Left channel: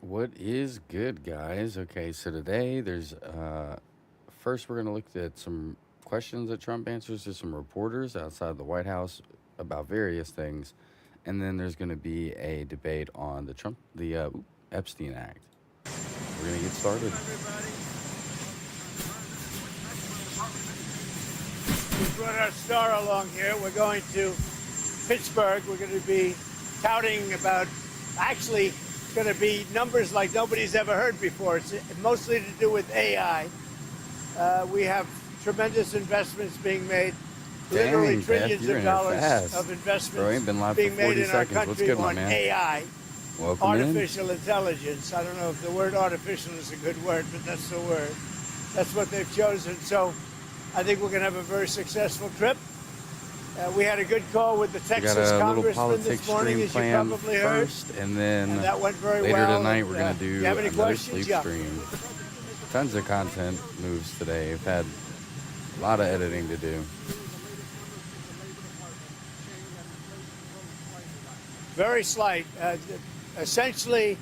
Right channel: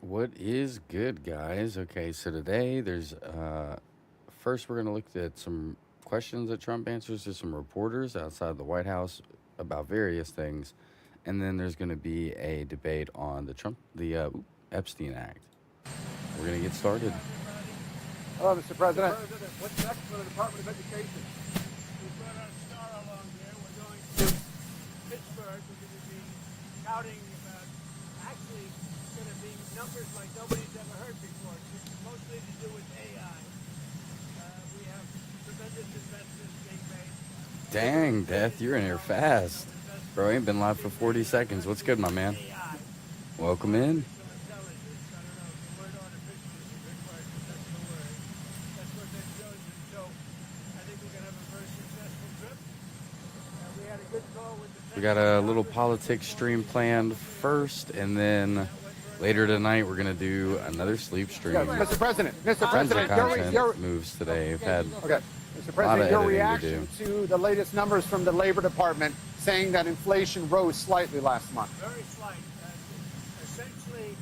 What is good, guys? Okay, so today there's first we're gonna look at some questions that Trump answers to some reporters outside the White House about various things, and then there's gonna be a debate on the Epstein Act. We're gonna get started. Hello, Mr. President. We brought our star along here. We're going to Pittsburgh. We're going to be touting about, actually, it's going to be numbers like nobody's ever heard before. It's mostly to do with AI. We have tremendous investments being made. Dang, Beth, you're in here fast. Bro, ain't been live for 40 seconds. What's good, my man? AI, Welcome in. artificial intelligence. I don't know if the word artificial is a good word, but that's the word. That's what they've chosen. So I think we're going to have a very successful trip. We had a good call with the Texas We got a little Congressman politics this morning, stream as you planned probably heard. first, and then And that went very later well. tonight we're gonna Do do you have any another questions? sleep Yeah. stream. Mr. President. Mr. Tons of President, content moves today. We've had Okay. Mr. a President, lot of your editing to reaction do. to the latest numbers from the Labor Department saying that inflation rose slightly last month. Very slight. Essentially,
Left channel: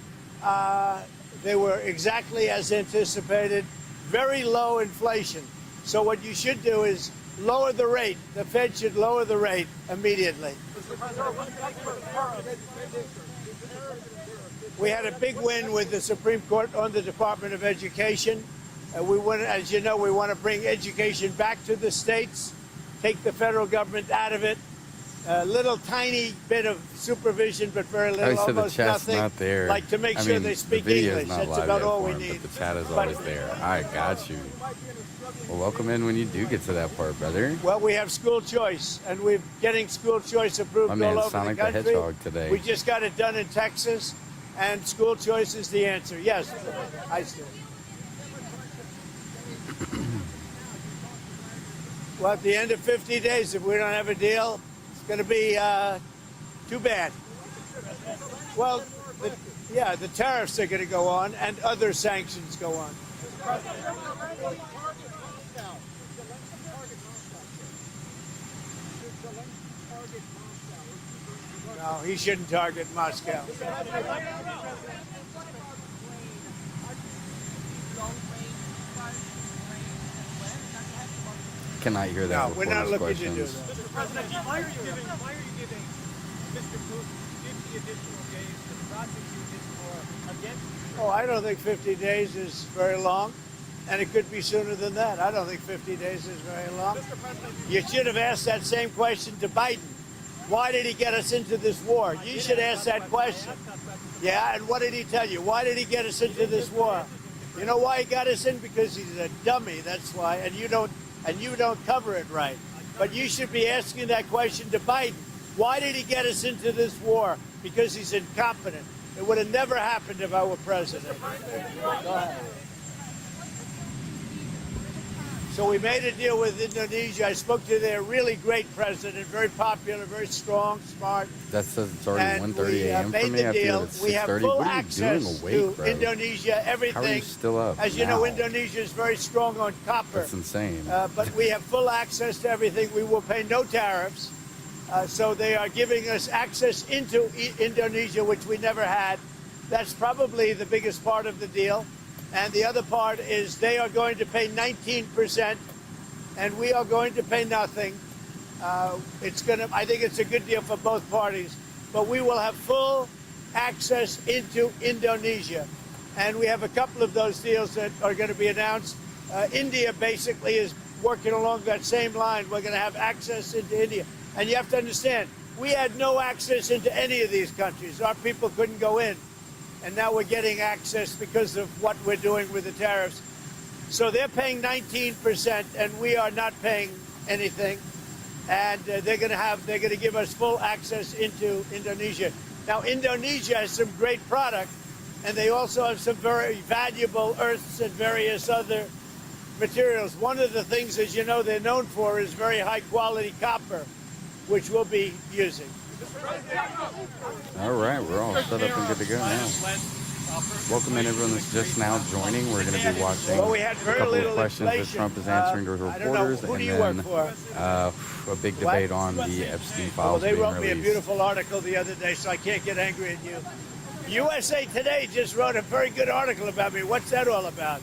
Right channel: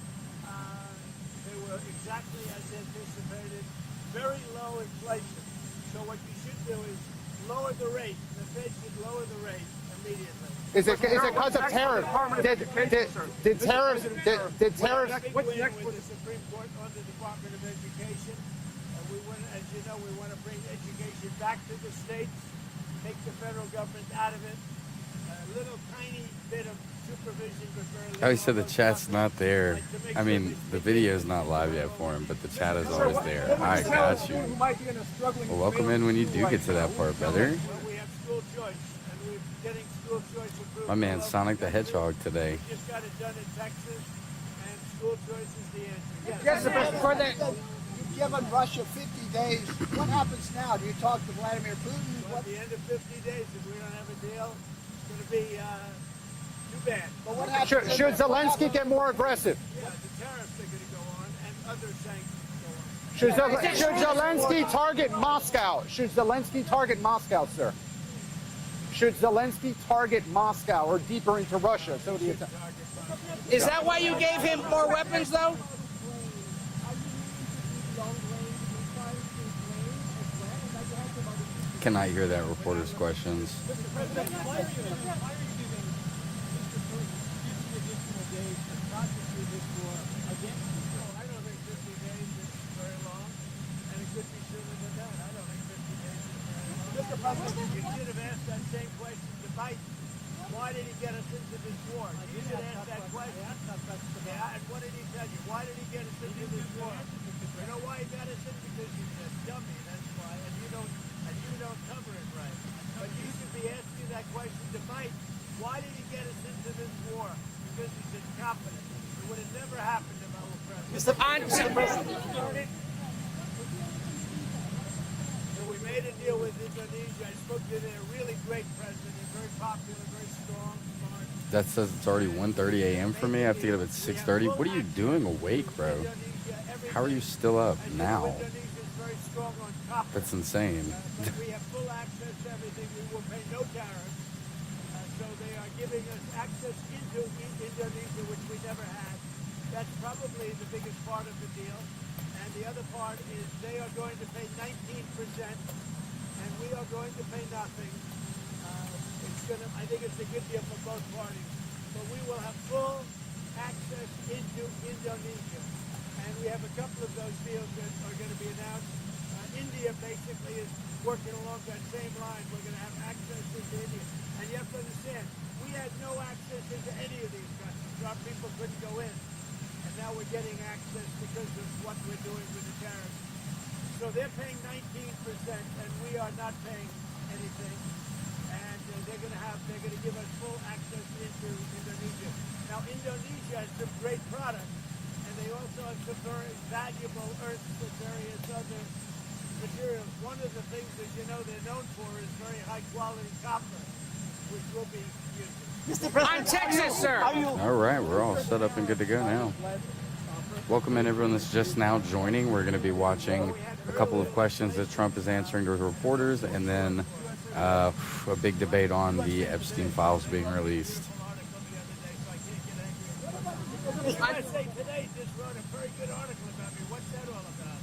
they were exactly as anticipated. Very low inflation. So what you should do is lower the rate. The Fed should lower the rate immediately. Is it because of tariffs? Did tariffs? We had a big win with the Supreme Court on the Department of Education. We want, as you know, we want to bring education back to the states, take the federal government out of it. A little tiny bit of supervision, but very little. I said the almost chat's nothing. not there. Like to make I sure mean, they the speak video's English. not That's live about yet all for we him, need. but the chat is always there. All right, got you. Well, welcome in when you do get to that part, brother. Well, we have school choice, and we're getting school choice approved My man all over Sonic the country. Hedgehog today. We just got it done in Texas, and school choice is the answer. Yes. Give them Russia 50 days. What happens now? Do you talk to Vladimir Putin? Well, at the end of 50 days, if we don't have a deal, it's going to be too bad. But what happens? Should Zelensky get more aggressive? Yeah, the tariffs are going to go on, and other sanctions go on. Should Zelensky target Moscow? Should Zelensky target Moscow, sir? Should Zelensky target Moscow or deeper into Russia? No, he shouldn't target Moscow. Is that why you gave him more weapons, though? Cannot hear that No, we're not reporter's looking to do questions. that. Why are you giving Mr. Putin 50 additional days to prosecute this war against? Oh, I don't think 50 days is very long, and it could be sooner than that. I don't think 50 days is very long. You should have asked that same question to Biden. Why did he get us into this war? You should ask that question. Yeah, and what did he tell you? Why did he get us into this war? You know why he got us in? Because he's a dummy, that's why, and you don't cover it right. But you should be asking that question to Biden. Why did he get us into this war? Because he's incompetent. It would have never happened if I were president. So we made a deal with Indonesia. I spoke to their really great president, very popular, very strong, smart. That says it's already And 1:30 we, a.m. for made me. the I feel deal. it's We have 6:30. full What are you doing access awake, to bro? Indonesia, everything. How are you still up As you now? know, Indonesia is very strong on copper. That's insane. But we have full access to everything. We will pay no tariffs. So they are giving us access into Indonesia, which we never had. That's probably the biggest part of the deal. And the other part is they are going to pay 19%, and we are going to pay nothing. I think it's a good deal for both parties. But we will have full access into Indonesia. And we have a couple of those deals that are going to be announced. India basically is working along that same line. We're going to have access into India. And you have to understand, we had no access into any of these countries. Our people couldn't go in. And now we're getting access because of what we're doing with the tariffs. So they're paying 19%, and we are not paying anything. And they're going to give us full access into Indonesia. Now, Indonesia has some great product, and they also have some very valuable earths and various other materials. One of the things, as you know, they're known for is very high-quality copper, which we'll be using. I'm Texas, sir. All right, we're all set up and good to go now. welcome in everyone that's just now joining. We're going to be watching Well, we had a very couple of little questions that inflation. Trump is answering to I don't know. reporters, Who do and you then work for? a big debate on the Epstein Well, files they being wrote me a released. beautiful article the other day, so I can't get angry at you. USA Today just wrote a very good article about me. What's that all about?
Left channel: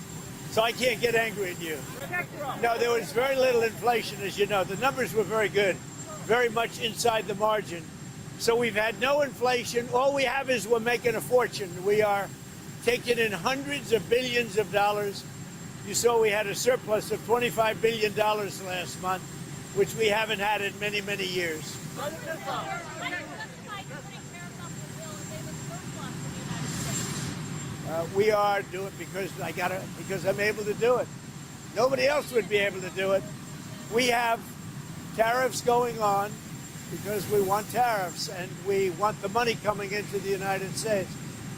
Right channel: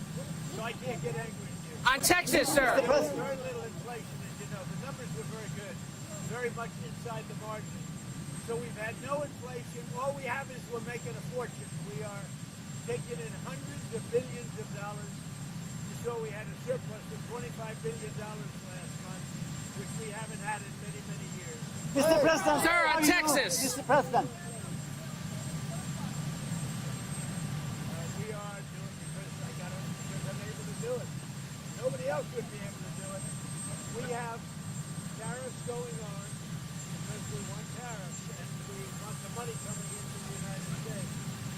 So I can't get angry at you. On Texas, No, there sir. was very little inflation, as you know. The numbers were very good, very much inside the margin. So we've had no inflation. All we have is we're making a fortune. We are taking in hundreds of billions of dollars. You saw we had a surplus of $25 billion last month, which we haven't had in many, many years. Mr. President, Sir, on Texas. Mr. President, We are doing because I'm able to do it. Nobody else would be able to do it. We have tariffs going on because we want tariffs and we want the money coming into the United States.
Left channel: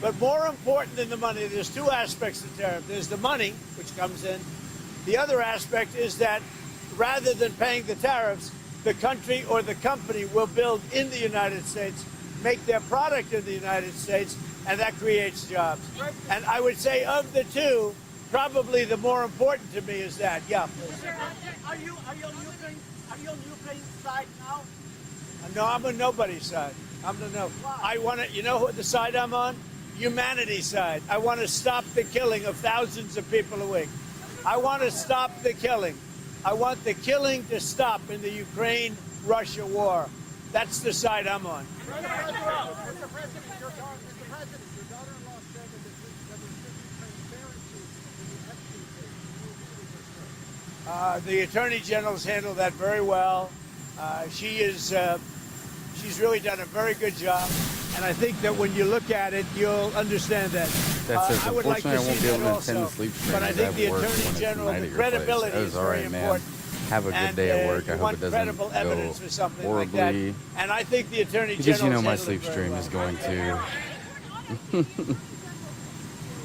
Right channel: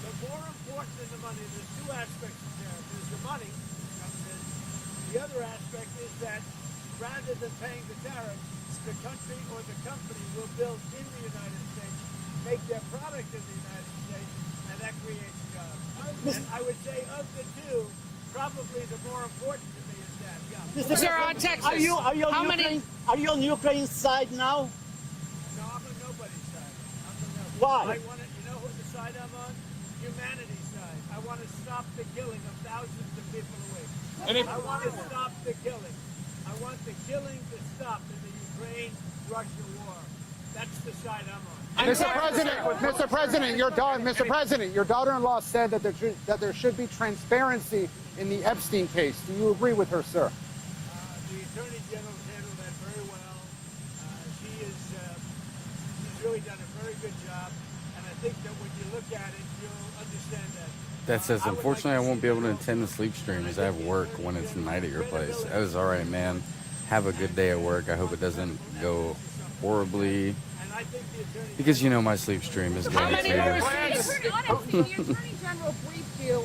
But more important than the money, there's two aspects to tariff. There's the money, which comes in. The other aspect is that rather than paying the tariffs, the country or the company will build in the United States, make their product in the United States, and that creates jobs. And I would say of the two, probably the more important to me is that. Yeah. Sir, on Texas. are you on How many? Ukraine? Are you on Ukraine's side now? No, I'm on nobody's side. I'm the no. Why? I want to. You know what the side I'm on? Humanity's side. I want to stop the killing of thousands of people a week. I want to stop the killing. I want the killing to stop in the Ukraine-Russia war. That's the side I'm on. Mr. President, your daughter-in-law said that there should be transparency in the Epstein case. Do you agree with her, sir? The Attorney General's handled that very well. She's really done a very good job. And I think that when you look at it, you'll understand that. That says, I would like unfortunately, I won't see be able that to attend the also, sleep stream but I as I have think the work Attorney when it's General, night at your place. credibility That was is all very right, man. important. Have a good day at And, work. I you hope want it doesn't credible go evidence or something horribly. like that. And I think the Attorney Because you know General's my handled sleep it very stream well. is going to. The Attorney General briefed you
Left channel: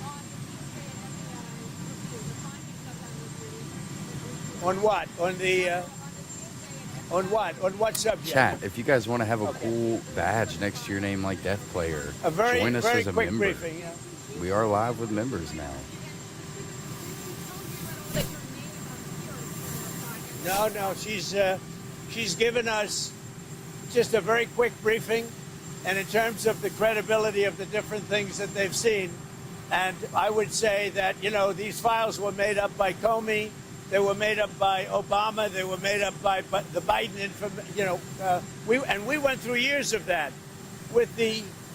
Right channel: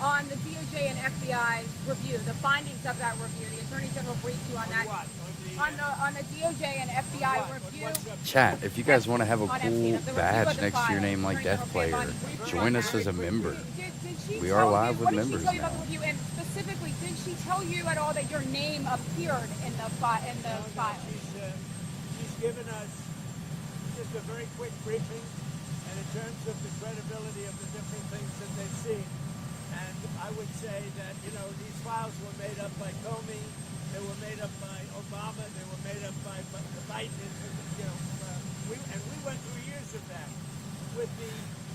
on the DOJ and FBI review, the findings of that review. The Attorney General briefed you on On that. what? On the On the DOJ and FBI on what? review. On what subject? Chat, if you guys want to have a cool badge next to your name like Death Player, A very, join us very as a quick member. briefing, yeah. Did she We are tell live you- with what did she members tell you now. about the review? And specifically, did she tell you at all that your name appeared in the file? No. She's given us just a very quick briefing, and in terms of the credibility of the different things that they've seen. And I would say that, these files were made up by Comey, they were made up by Obama, they were made up by the Biden, we went through years of that with the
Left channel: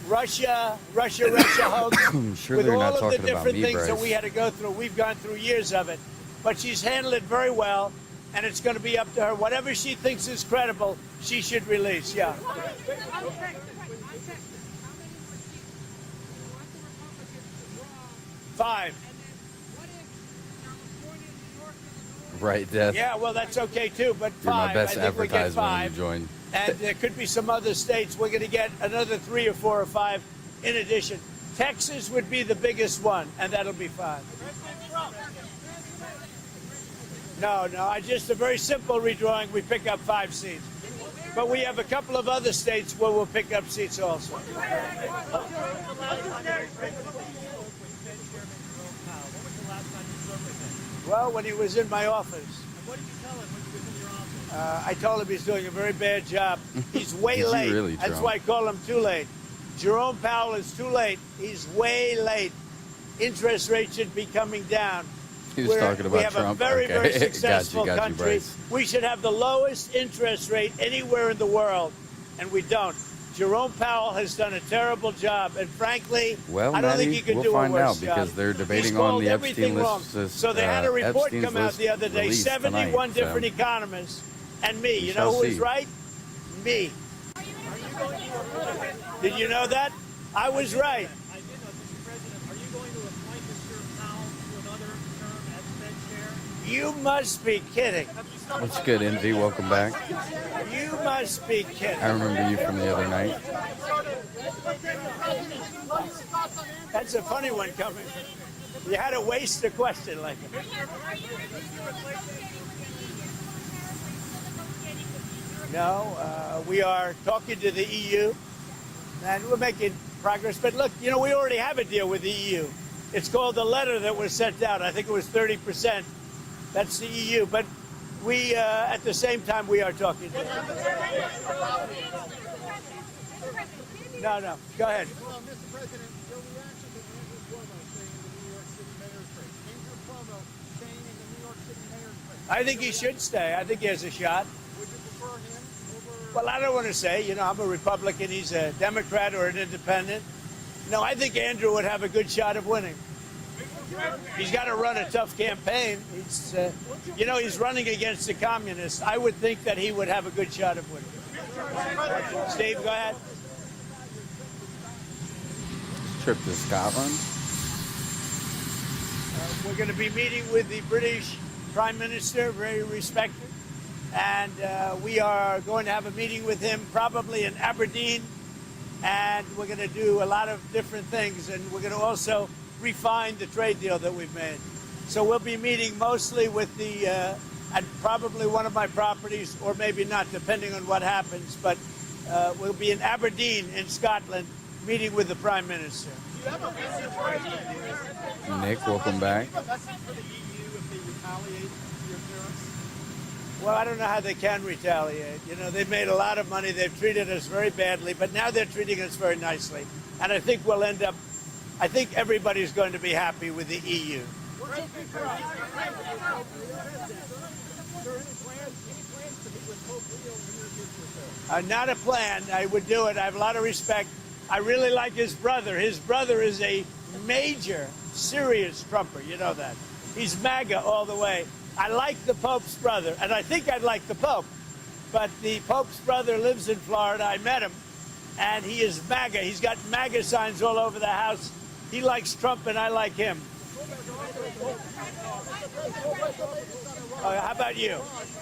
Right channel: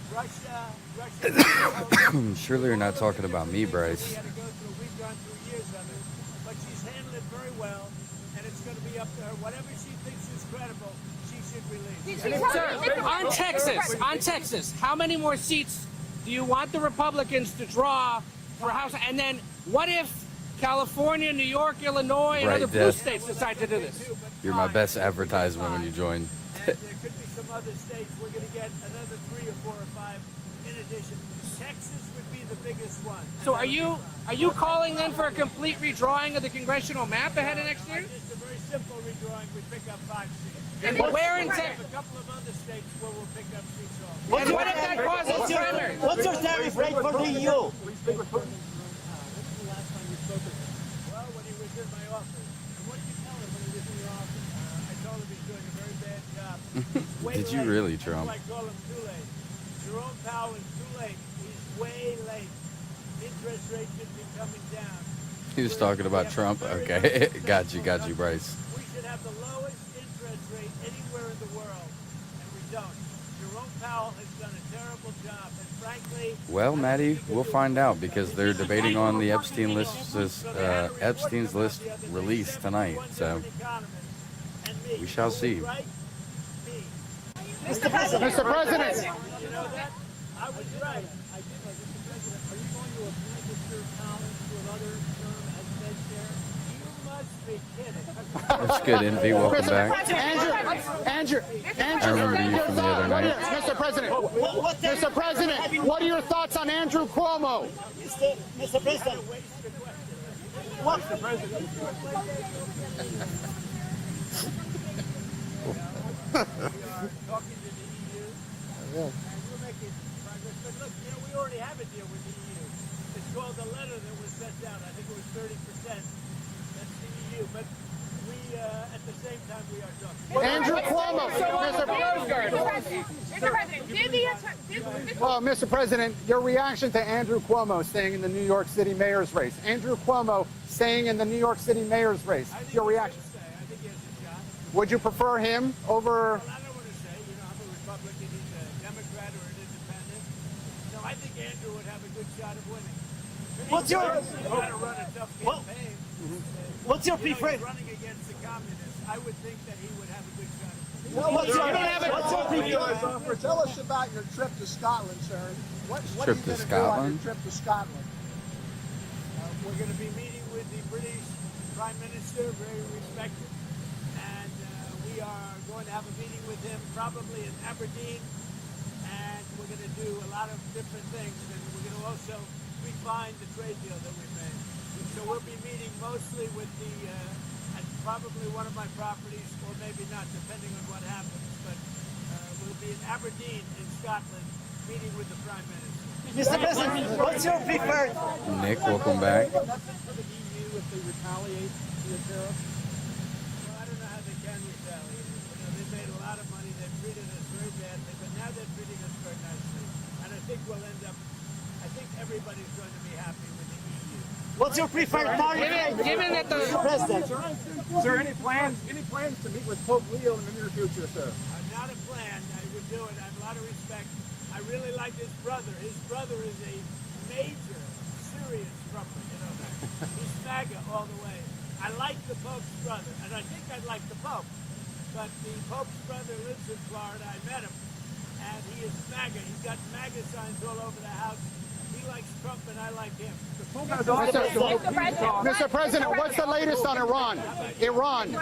Russia hoax. I'm sure with they're all not of the talking about different me, things that Bryce. we had to go through. We've gone through years of it, but she's handled it very well, and it's going to be up to her. Whatever she thinks is credible, she should release. Yeah. On Texas, how many more seats do you want the Republicans to draw? for 5. House? And then what if California, New York, Illinois, Right, and other Death. blue Yeah, states well, that's decide to do okay this? too. But You're my 5, best I think we get advertisement when you 5. join. And there could be some other states. We're going to get another 3 or 4 or 5 in addition. Texas would be the biggest one, and So that'll be 5. are you calling then for a complete redrawing of the congressional map ahead of No, next year? just a very simple redrawing. We pick up 5 seats. And where But in we Te- have a couple of other states where we'll pick up seats also. And what if that causes primary? What's your tariff rate for the EU? Well, when he was in my office, I told him he's doing a very bad job. He's way Did you late. really, That's Trump? why I call him too late. Jerome Powell is too late. He's way late. Interest rates should be coming down. He was We're- talking we about have a Trump? very, Okay. very Got you, successful country. Bryce. We should have the lowest interest rate anywhere in the world, and we don't. Jerome Powell has done a terrible job, and frankly, Well, I don't think he Maddie, could we'll do a find worse out because job. they're debating He on called the everything Epstein wrong. list. So they had a report Epstein's come out list the other day, released 71 tonight. So different economists, and me. We You shall know who was see. right? Me. Mr. President. Did you know that? I was right. You must be kidding. what's good, Envy? Welcome back. You must be kidding. I remember you from the other night. Mr. President, what are your thoughts on Andrew That's a funny Cuomo? one coming. You had to waste a question like that. No, we are talking to the EU, and we're making progress. But look, you know, we already have a deal with the EU. It's called the letter that was sent out. I think it was 30%. That's the EU. But we, at the same time, we are talking. Andrew Cuomo. Mr. President, did the No, go ahead. Well, Mr. President, your reaction to Andrew Cuomo staying in the New York City mayor's race. Andrew Cuomo staying in the New York City mayor's race. I think Your he should stay. I think he has a shot. Would you prefer him over? Well, I don't want to say, you know, I'm a Republican, he's a Democrat or an independent. No, I think Andrew would have a good shot of winning. He's got to run a tough campaign. You know, he's running against the communists. I would think that he would have a good shot of winning. Steve, go ahead. Tell us about your trip to Scotland, sir. What Trip are you to gonna do on Scotland? your trip to Scotland? We're going to be meeting with the British Prime Minister, very respected. And we are going to have a meeting with him probably in Aberdeen. And we're going to do a lot of different things. And we're going to also refine the trade deal that we've made. So we'll be meeting mostly with the, at probably one of my properties, or maybe not, depending on what happens. But we'll be in Aberdeen in Scotland, meeting with the Prime Minister. Mr. President, what's your preferred? Nick, welcome back. Message for the EU if they retaliate against tariffs? Well, I don't know how they can retaliate. You know, they've made a lot of money. They've treated us very badly, but now they're treating us very nicely. And I think we'll end up, I think everybody's going to be happy with the EU. What's your preferred target? Given that the President. Is there any plans to meet with Pope Leo in the near future, sir? Not a plan. I would do it. I have a lot of respect. I really like his brother. His brother is a major, serious Trumper. You know that. He's MAGA all the way. I like the Pope's brother, and I think I'd like the Pope. But the Pope's brother lives in Florida. I met him, and he is MAGA. He's got MAGA signs all over the house. He likes Trump, and I like him. Mr. President, what's the latest on Iran? How about you? Iran. We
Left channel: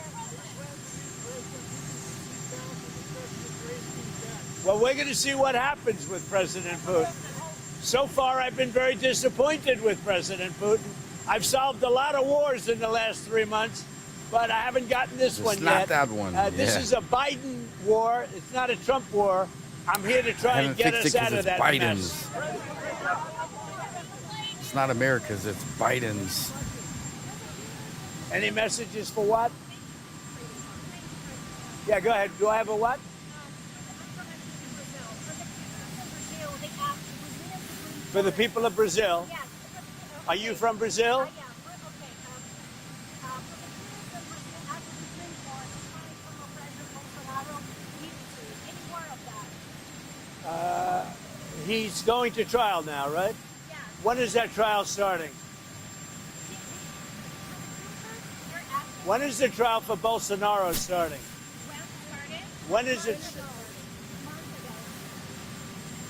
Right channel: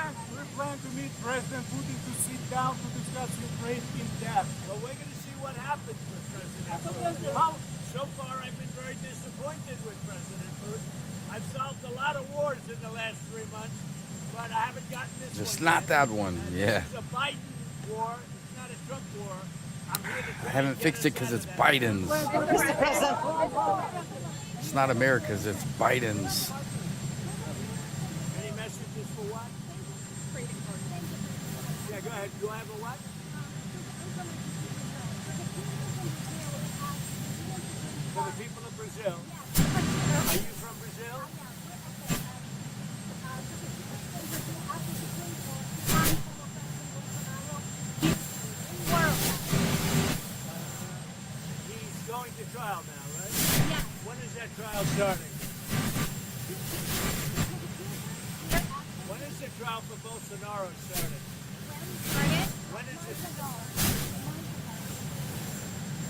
plan to meet President Putin to sit down to discuss the trade in gas. Well, we're going to see what happens with President Putin. So far, I've been very disappointed with President Putin. I've solved a lot of wars in the last 3 months, but I haven't gotten this Just one not yet. that one, This yeah. is a Biden war. It's not a Trump war. I'm here to try I haven't and get fixed it us out because of it's that Biden's. mess. Mr. President. It's not America's, it's Biden's. Any messages for what? Yeah, go ahead. Do I have a what? For the people of Brazil. Are you from Brazil? He's going to trial now, right? When is that trial starting? When is the trial for Bolsonaro starting? When is it?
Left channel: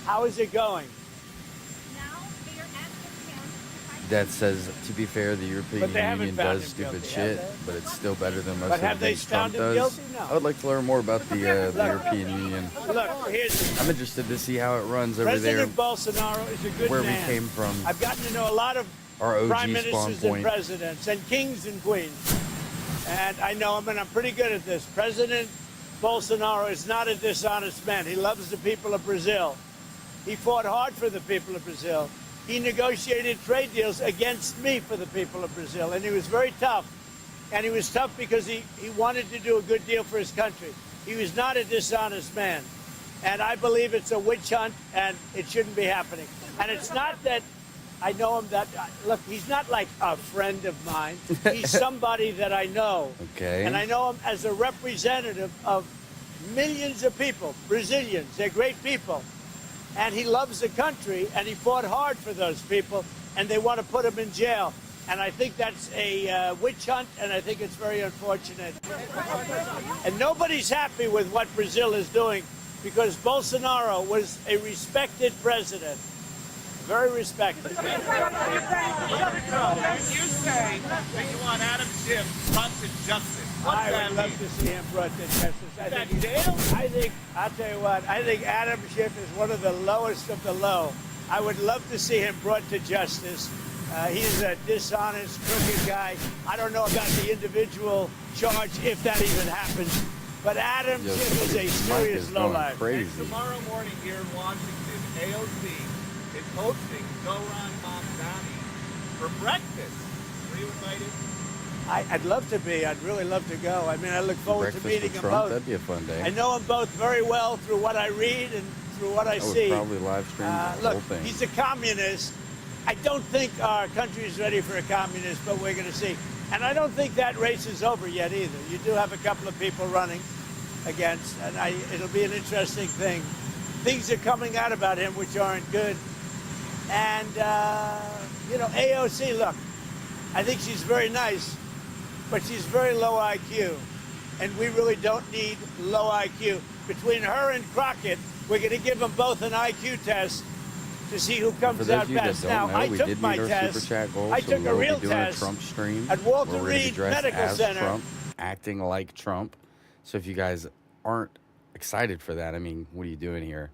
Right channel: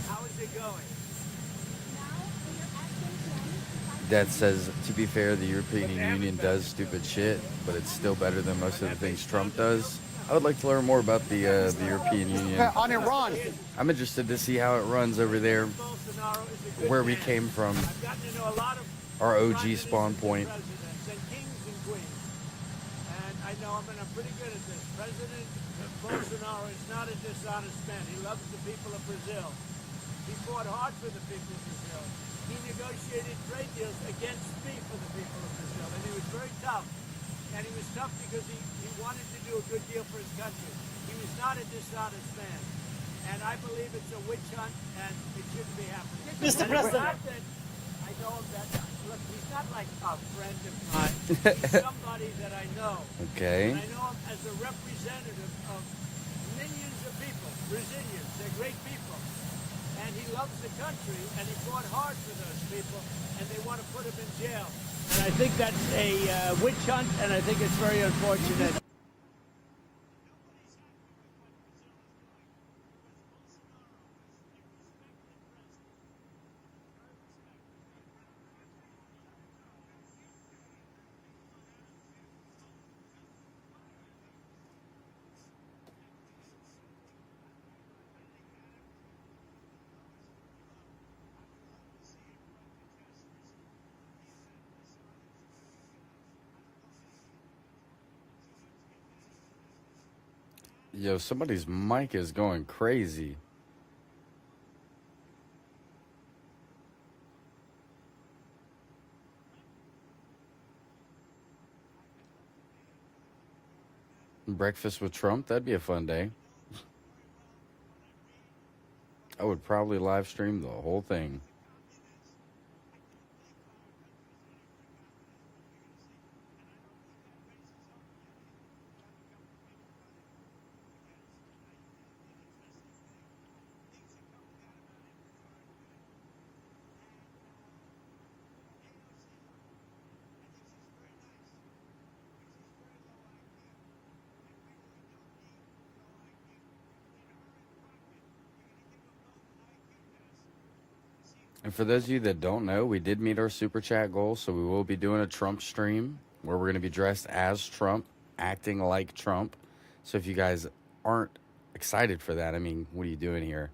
How is it going? Dad says, to be fair, the European But they haven't Union found does him stupid guilty, shit, have they? but it's still better than most But of the have they things Trump found him does. guilty? No. I would like to learn more about the European Union. On Look, Iran. here's- I'm interested to see how it runs over there, President Bolsonaro is a good where we man. came from, I've gotten to know a lot of our prime OG ministers spawn and point. presidents and kings and queens. And I know him, and I'm pretty good at this. President Bolsonaro is not a dishonest man. He loves the people of Brazil. He fought hard for the people of Brazil. He negotiated trade deals against me for the people of Brazil, and he was very tough. And he was tough because he wanted to do a good deal for his country. He was not a dishonest man. And I believe it's a witch hunt, and it shouldn't be happening. And it's not that I know him that, look, he's not like a friend of mine. He's somebody that I know. Okay. And I know him as a representative of millions of people, Brazilians. They're great people. And he loves the country, and he fought hard for those people, and they want to put him in jail. And I think that's a witch hunt, and I think it's very unfortunate. And nobody's happy with what Brazil is doing, because Bolsonaro was a respected president. Very respected. You say that you want Adam Schiff brought to justice. What's I that would love mean? to see him brought to justice. I'll tell you what, I think Adam Schiff is one of the lowest of the low. I would love to see him brought to justice. He's a dishonest, crooked guy. I don't know about the individual charge, if that even happens. But Adam Yo, Schiff is a somebody's mic serious is going lowlife. crazy. Tomorrow morning here in Washington, AOC is hosting Zoran Mamdani for breakfast. Were you invited? I'd love to be. I'd really love to go. I mean, I look forward to Breakfast meeting with them Trump, both. that'd be a fun I day. know them both very well through what I read and through what I I would see. probably live stream the whole Look, thing. he's a communist. I don't think our country is ready for a communist, but we're going to see. And I don't think that race is over yet either. You do have a couple of people running against, and it'll be an interesting thing. Things are coming out about him which aren't good. And, AOC, look, I think she's very nice, but she's very low IQ. And we really don't need low IQ. Between her and Crockett, we're going to give them both an IQ test to see who comes For those out of you that best. don't Now, know, I we took did my meet our test. super chat goal, I so took we a will be real doing a test Trump stream at where Walter we're going to be Reed dressed Medical as Center. Trump, acting like Trump. So if you guys aren't excited for that, I mean, what are you doing here?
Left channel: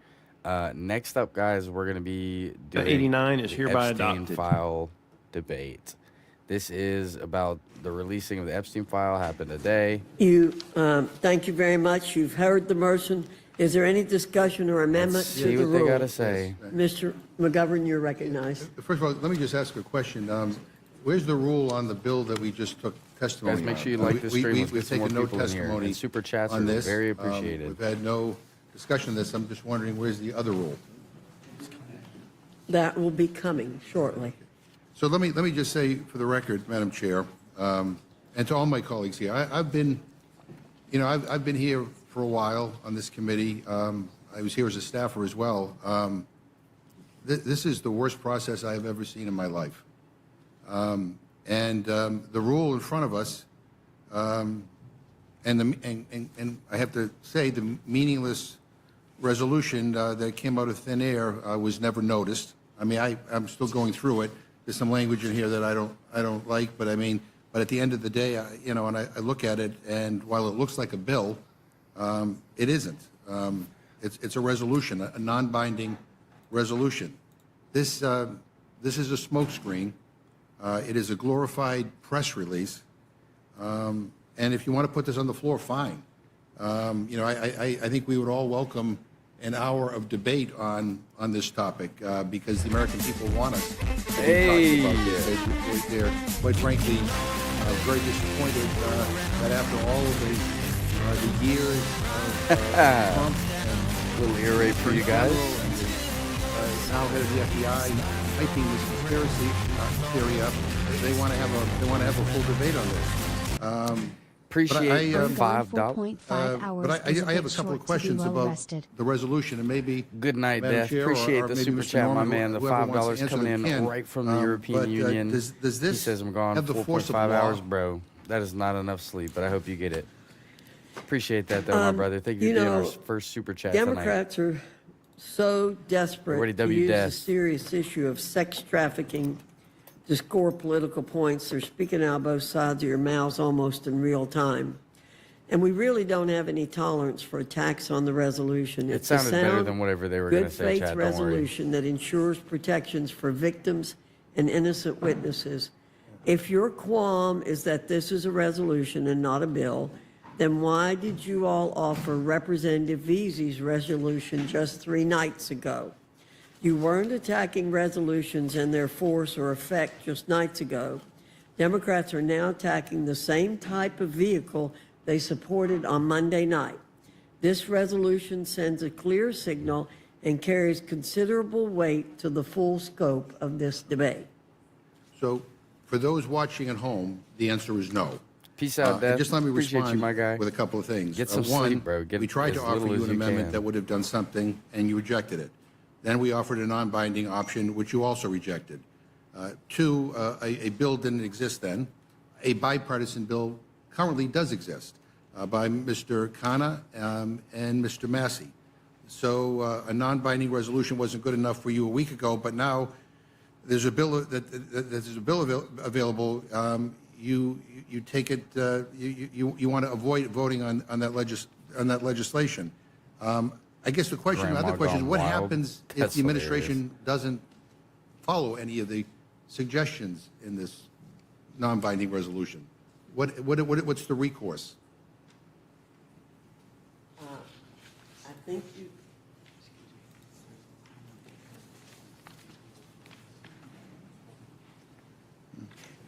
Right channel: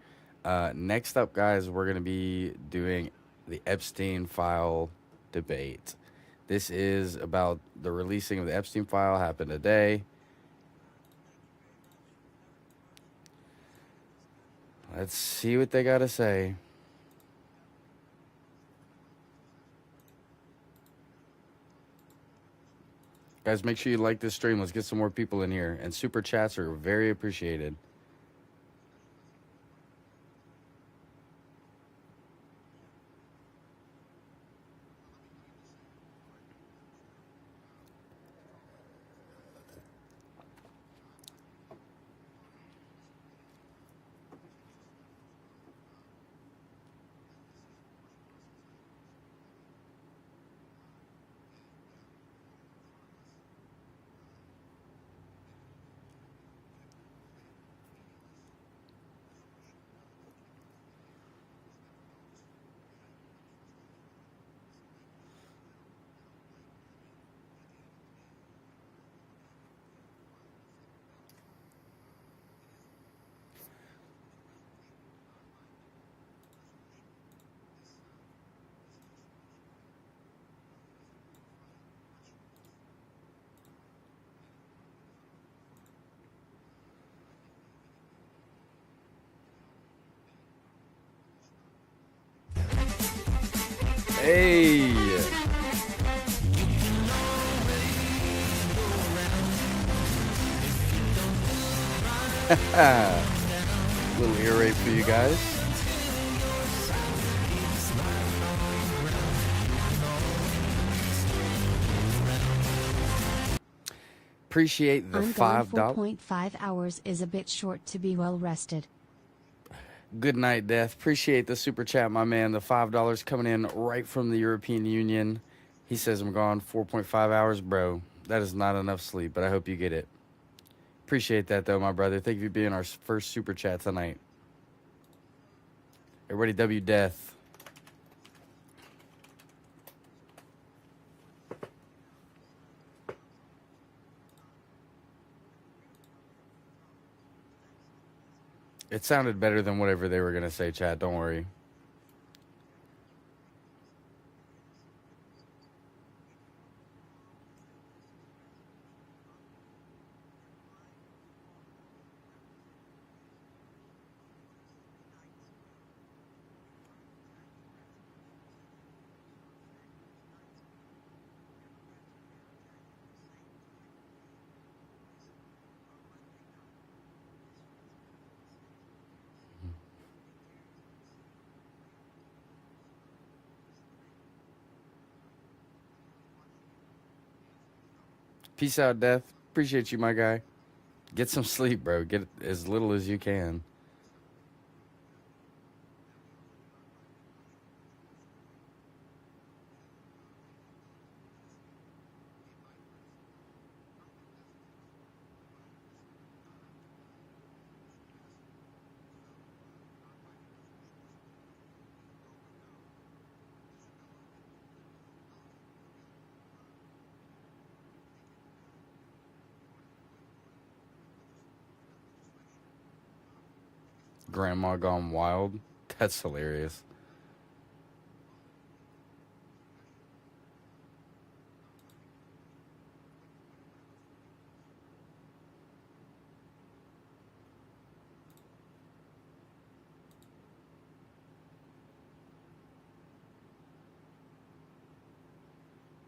Next up, guys, we're going to be doing 89 is the hereby Epstein adopted. file debate. This is about the releasing of the Epstein file, happened today. Thank you very much. You've heard the motion. Is there any discussion or amendment? Let's to see the what they rule? got to say. Mr. McGovern, you're recognized. First of all, let me just ask a question. Where's the rule on the bill that we just took testimony Guys, make on? sure you like this stream. Let's get we've some more taken no people in here. testimony And super chats on are this. very appreciated. We've had no discussion of this. I'm just wondering, where's the other rule? That will be coming shortly. So let me just say, for the record, Madam Chair, and to all my colleagues here, I've been here for a while on this committee. I was here as a staffer as well. This is the worst process I have ever seen in my life. The rule in front of us, and I have to say, the meaningless resolution that came out of thin air was never noticed. I mean, I'm still going through it. There's some language in here that I don't like, but I mean, but at the end of the day, and I look at it, and while it looks like a bill, it isn't. It's a resolution, a non-binding resolution. This is a smokescreen. It is a glorified press release. And if you want to put this on the floor, fine. I think we would all welcome an hour of debate on this topic because the American people want us. Hey! They're, quite frankly, very disappointed that after all of the years, Little ear rape for you guys. sound of the FBI making this conspiracy in Syria, they want to have a full debate on this. Appreciate the Ongoing $5. 4.5 hours is a I have bit a couple of short to be questions well about rested. the resolution, and maybe Good night, Madam Death. Chair, Appreciate or the maybe super Mr. chat, my Norman, man. The whoever wants to $5 answer coming in can. right from the European But, Union. does He this says I'm gone have the force 4.5 of law? hours, bro. That is not enough sleep, but I hope you get it. Appreciate that, though, my brother. Thank you for being our first super chat tonight. Democrats are so desperate Everybody to W use death. the serious issue of sex trafficking to score political points. They're speaking out both sides of your mouths almost in real time. And we really don't have any tolerance for attacks on the resolution. It It's a sounded better sound, than whatever they were going to good say, faith Chad. Don't worry. resolution that ensures protections for victims and innocent witnesses. If your qualm is that this is a resolution and not a bill, then why did you all offer Representative Veazey's resolution just 3 nights ago? You weren't attacking resolutions and their force or effect just nights ago. Democrats are now attacking the same type of vehicle they supported on Monday night. This resolution sends a clear signal and carries considerable weight to the full scope of this debate. So, for those watching at home, the answer is no. Peace out, Death. Just let me Appreciate you, respond my guy. with a couple of things. Get some One, sleep, bro. Get we tried as to offer little as an you amendment can. that would have done something, and you rejected it. Then we offered a non-binding option, which you also rejected. Two, a bill didn't exist then. A bipartisan bill currently does exist by Mr. Khanna and Mr. Massey. So a non-binding resolution wasn't good enough for you a week ago, but now there's a bill available. You take it. You want to avoid voting on that legislation. I guess the question, Grandma another question, gone what wild. happens if That's the hilarious. administration doesn't follow any of the suggestions in this non-binding resolution? What's the recourse? I think you,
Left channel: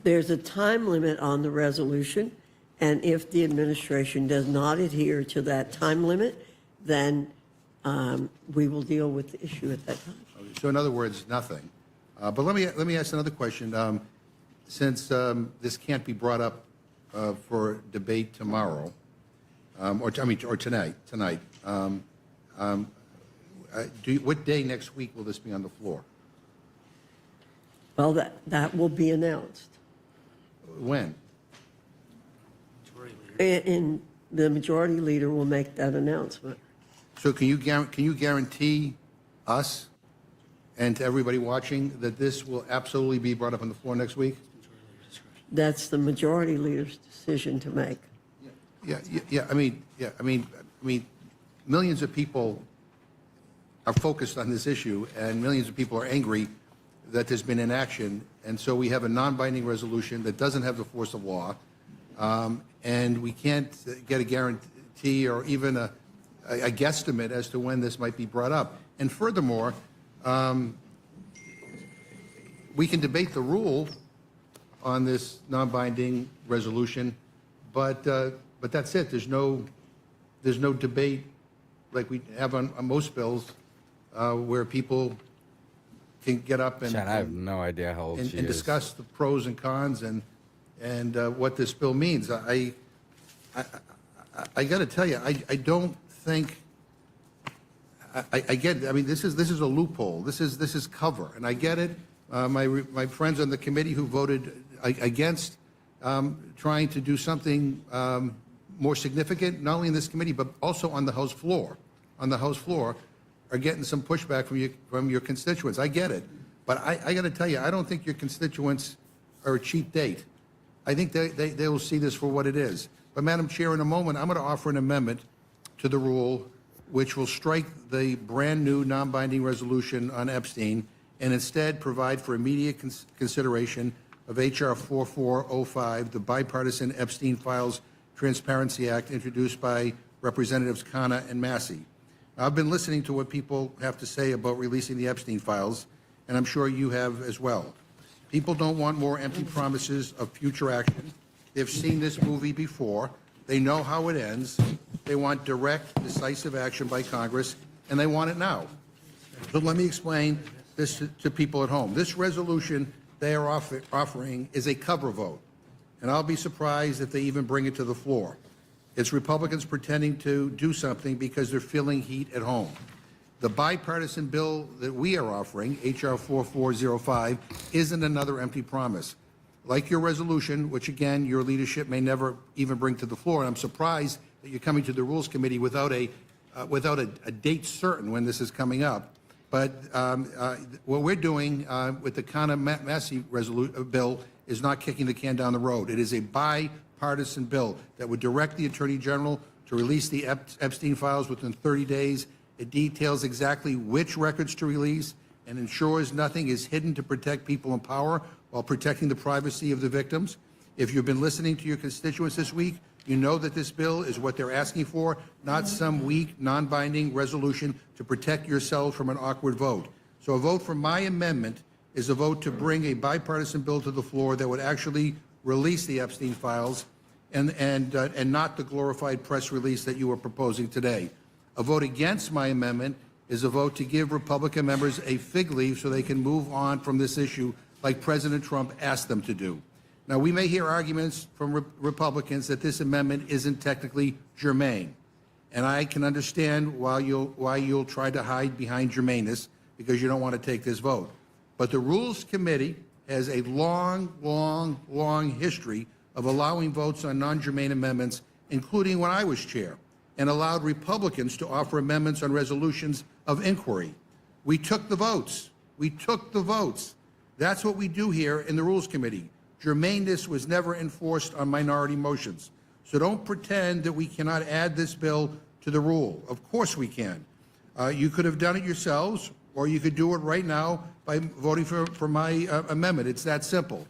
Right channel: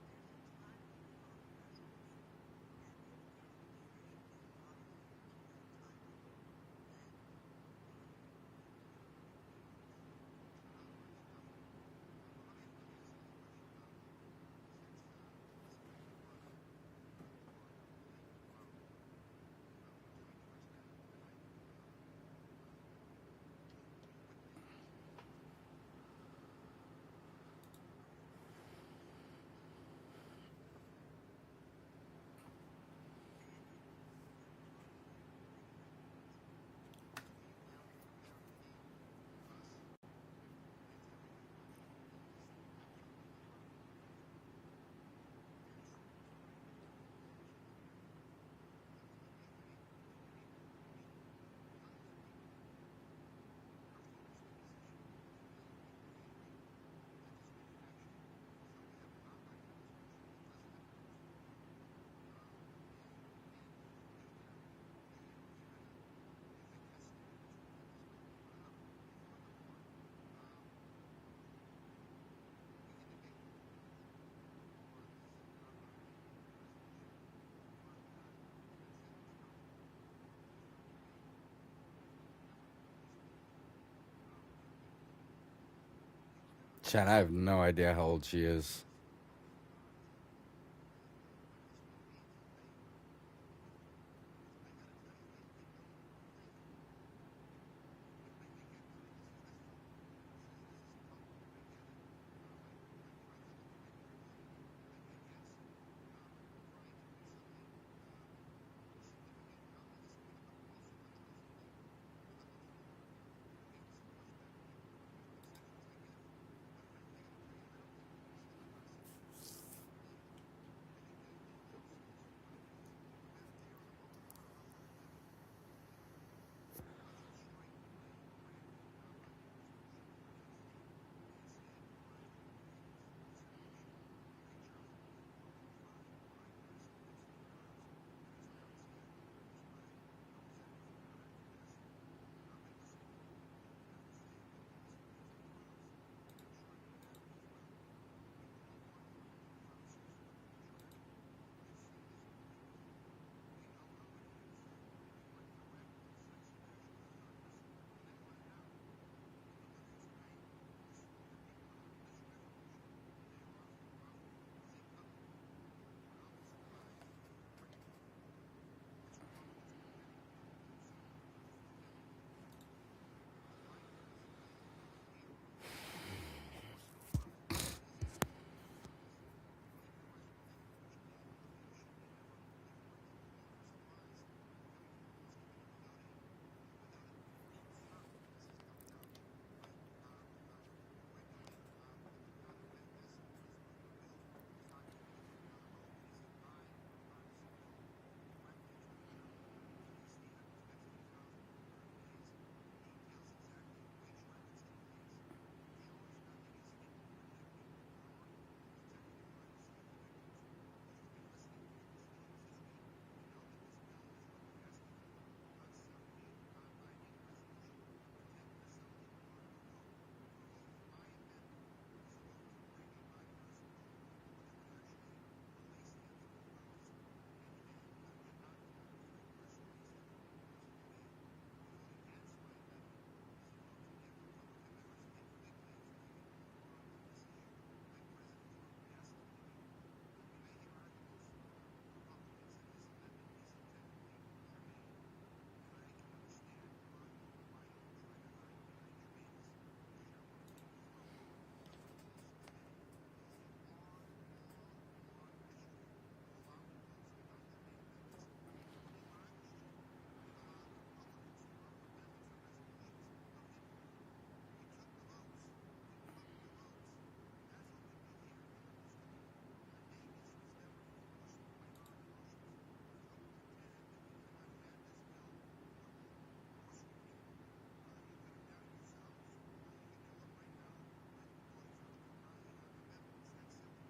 There's a time limit on the resolution, and if the administration does not adhere to that time limit, then we will deal with the issue at that time. So in other words, nothing. But let me ask another question. Since this can't be brought up for debate tomorrow, or tonight. What day next week will this be on the floor? Well, that will be announced. When? And the majority leader will make that announcement. So can you guarantee us and to everybody watching that this will absolutely be brought up on the floor next week? That's the majority leader's decision to make. Yeah. I mean, millions of people are focused on this issue, and millions of people are angry that there's been inaction, and so we have a non-binding resolution that doesn't have the force of law, and we can't get a guarantee or even a guesstimate as to when this might be brought up. And furthermore, we can debate the rule on this non-binding resolution, but that's it. There's no debate like we have on most bills where people can get up and Chad, I have no idea how old she is. Discuss the pros and cons and what this bill means. I got to tell you, I don't think. I get. I mean, this is a loophole. This is cover, and I get it. My friends on the committee who voted against trying to do something more significant, not only in this committee but also on the House floor. On the House floor, are getting some pushback from your constituents. I get it, but I got to tell you, I don't think your constituents are a cheap date. I think they will see this for what it is. But Madam Chair, in a moment, I'm going to offer an amendment to the rule which will strike the brand new non-binding resolution on Epstein and instead provide for immediate consideration of H.R. 4405, the Bipartisan Epstein Files Transparency Act introduced by Representatives Khanna and Massey. I've been listening to what people have to say about releasing the Epstein files, and I'm sure you have as well. People don't want more empty promises of future action. They've seen this movie before. They know how it ends. They want direct, decisive action by Congress, and they want it now. So let me explain this to people at home. This resolution they are offering is a cover vote, and I'll be surprised if they even bring it to the floor. It's Republicans pretending to do something because they're feeling heat at home. The bipartisan bill that we are offering, H.R. 4405, isn't another empty promise. Like your resolution, which again, your leadership may never even bring to the floor, and I'm surprised that you're coming to the Rules Committee without a date certain when this is coming up. But what we're doing with the Khanna-Massey bill is not kicking the can down the road. It is a bipartisan bill that would direct the Attorney General to release the Epstein files within 30 days. It details exactly which records to release and ensures nothing is hidden to protect people in power while protecting the privacy of the victims. If you've been listening to your constituents this week, you know that this bill is what they're asking for, not some weak, non-binding resolution to protect yourselves from an awkward vote. So a vote for my amendment is a vote to bring a bipartisan bill to the floor that would actually release the Epstein files and not the glorified press release that you are proposing today. A vote against my amendment is a vote to give Republican members a fig leaf so they can move on from this issue like President Trump asked them to do. Now, we may hear arguments from Republicans that this amendment isn't technically germane, and I can understand why you'll try to hide behind germaneness because you don't want to take this vote. But the Rules Committee has a long, long, long history of allowing votes on non-germane amendments, including when I was chair, and allowed Republicans to offer amendments on resolutions of inquiry. We took the votes. We took the votes. That's what we do here in the Rules Committee. Germaneness was never enforced on minority motions. So don't pretend that we cannot add this bill to the rule. Of course we can. You could have done it yourselves, or you could do it right now by voting for my amendment. It's that simple.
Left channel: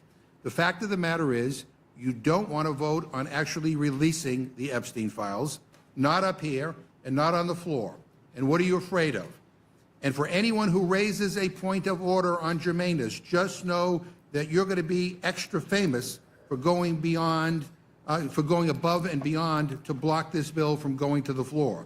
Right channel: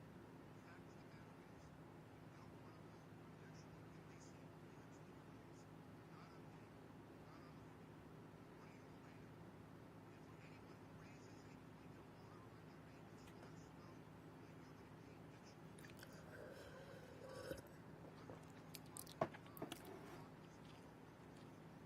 The fact of the matter is, you don't want to vote on actually releasing the Epstein files, not up here and not on the floor. And what are you afraid of? And for anyone who raises a point of order on germaneness, just know that you're going to be extra famous for going beyond, for going above and beyond to block this bill from going to the floor.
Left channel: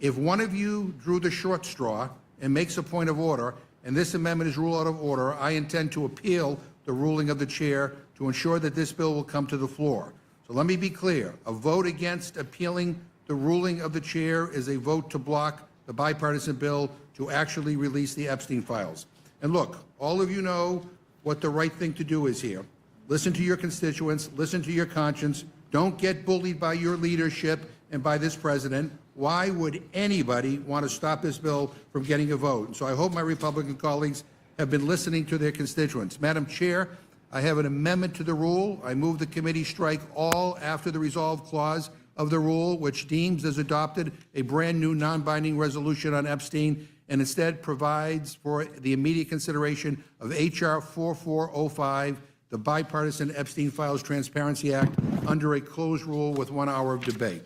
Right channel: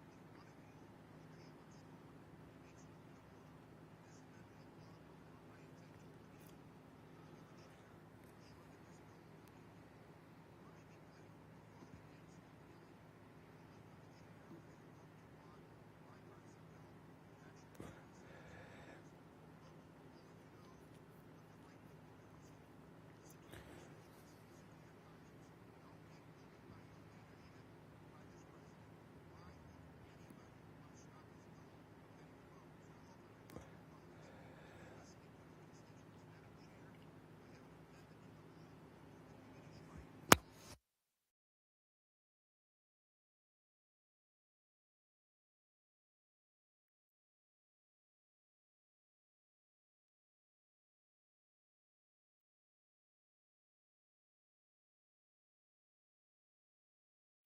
If one of you drew the short straw and makes a point of order, and this amendment is ruled out of order, I intend to appeal the ruling of the chair to ensure that this bill will come to the floor. So let me be clear. A vote against appealing the ruling of the chair is a vote to block the bipartisan bill to actually release the Epstein files. And look, all of you know what the right thing to do is here. Listen to your constituents, listen to your conscience. Don't get bullied by your leadership and by this president. Why would anybody want to stop this bill from getting a vote? And so I hope my Republican colleagues have been listening to their constituents. Madam Chair, I have an amendment to the rule. I move the committee strike all after the resolve clause of the rule, which deems as adopted a brand new non-binding resolution on Epstein, and instead provides for the immediate consideration of H.R. 4405, the Bipartisan Epstein Files Transparency Act, under a closed rule with 1 hour of debate.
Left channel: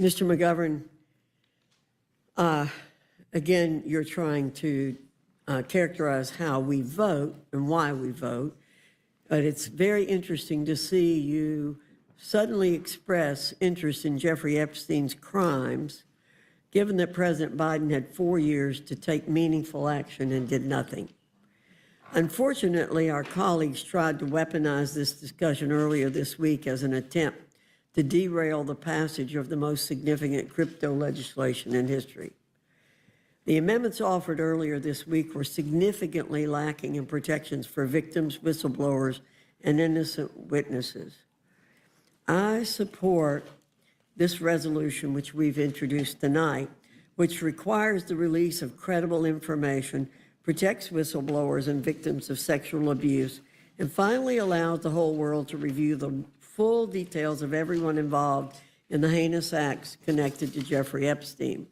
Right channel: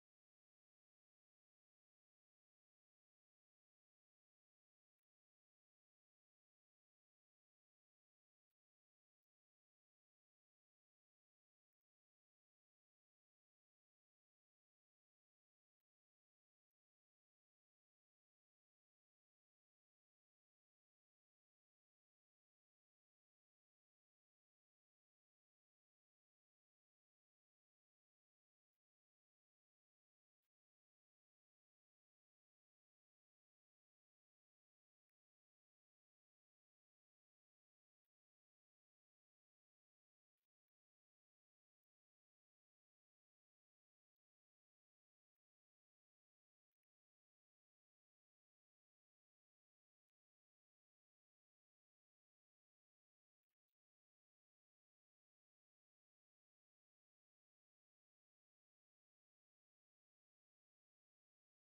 Mr. McGovern, again, you're trying to characterize how we vote and why we vote, but it's very interesting to see you suddenly express interest in Jeffrey Epstein's crimes, given that President Biden had 4 years to take meaningful action and did nothing. Unfortunately, our colleagues tried to weaponize this discussion earlier this week as an attempt to derail the passage of the most significant crypto legislation in history. The amendments offered earlier this week were significantly lacking in protections for victims, whistleblowers, and innocent witnesses. I support this resolution, which we've introduced tonight, which requires the release of credible information, protects whistleblowers and victims of sexual abuse, and finally allows the whole world to review the full details of everyone involved in the heinous acts connected to Jeffrey Epstein.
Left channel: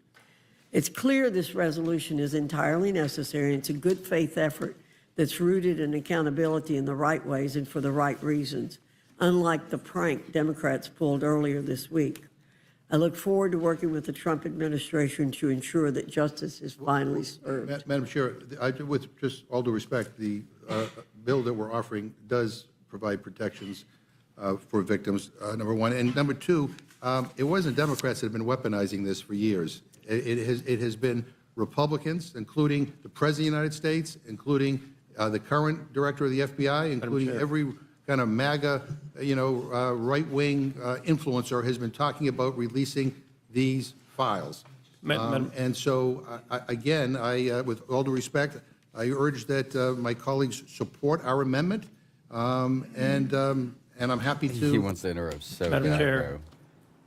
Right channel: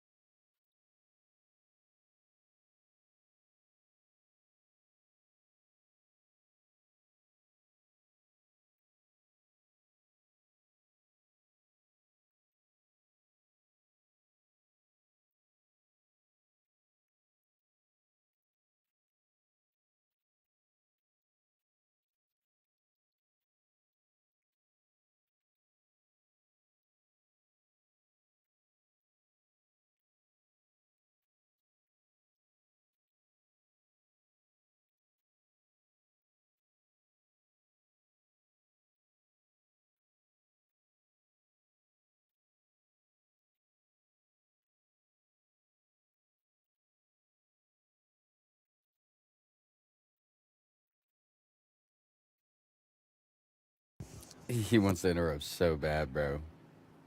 It's clear this resolution is entirely necessary, and it's a good faith effort that's rooted in accountability in the right ways and for the right reasons, unlike the prank Democrats pulled earlier this week. I look forward to working with the Trump administration to ensure that justice is finally served. Madam Chair, with just all due respect, the bill that we're offering does provide protections for victims, number one. And number two, it wasn't Democrats that have been weaponizing this for years. It has been Republicans, including the President of the United States, including the current director of the FBI, including every kind of MAGA, right-wing influencer has been talking about releasing these files. And so, again, with all due respect, I urge that my colleagues support our amendment, and I'm happy to. He wants to interrupt so Madam bad, Chair, bro.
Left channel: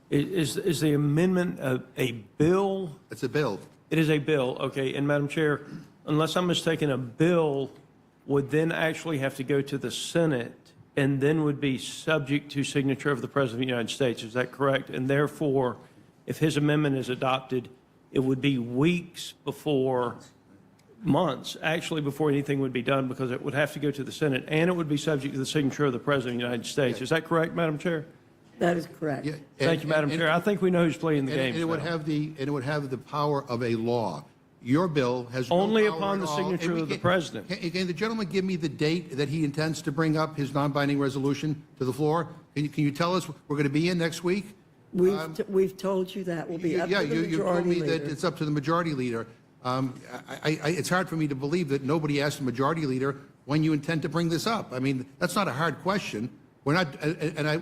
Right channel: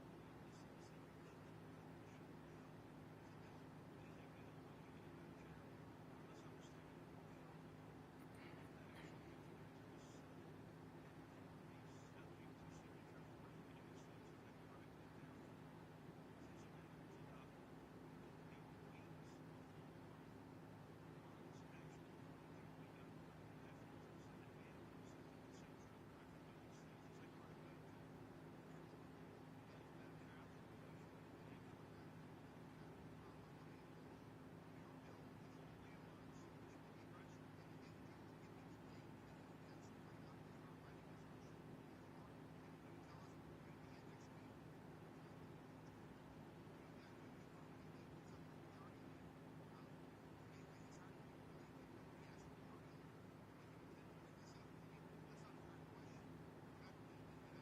Is the amendment a bill? It's a bill. It is a bill, okay. And Madam Chair, unless I'm mistaken, a bill would then actually have to go to the Senate and then would be subject to signature of the President of the United States. Is that correct? And therefore, if his amendment is adopted, it would be weeks before, months, actually, before anything would be done, because it would have to go to the Senate, and it would be subject to the signature of the President of the United States. Is that correct, Madam Chair? That is correct. Yeah, Thank you, Madam Chair. I think we know who's playing the game. And it would have the power of a law. Your bill has no Only power upon at the all. signature And of the President. Can the gentleman give me the date that he intends to bring up his non-binding resolution to the floor? Can you tell us we're going to be in next week? We've told you that will be up to the majority you told me leader. that it's up to the majority leader. It's hard for me to believe that nobody asked the majority leader when you intend to bring this up. I mean, that's not a hard question. We're not,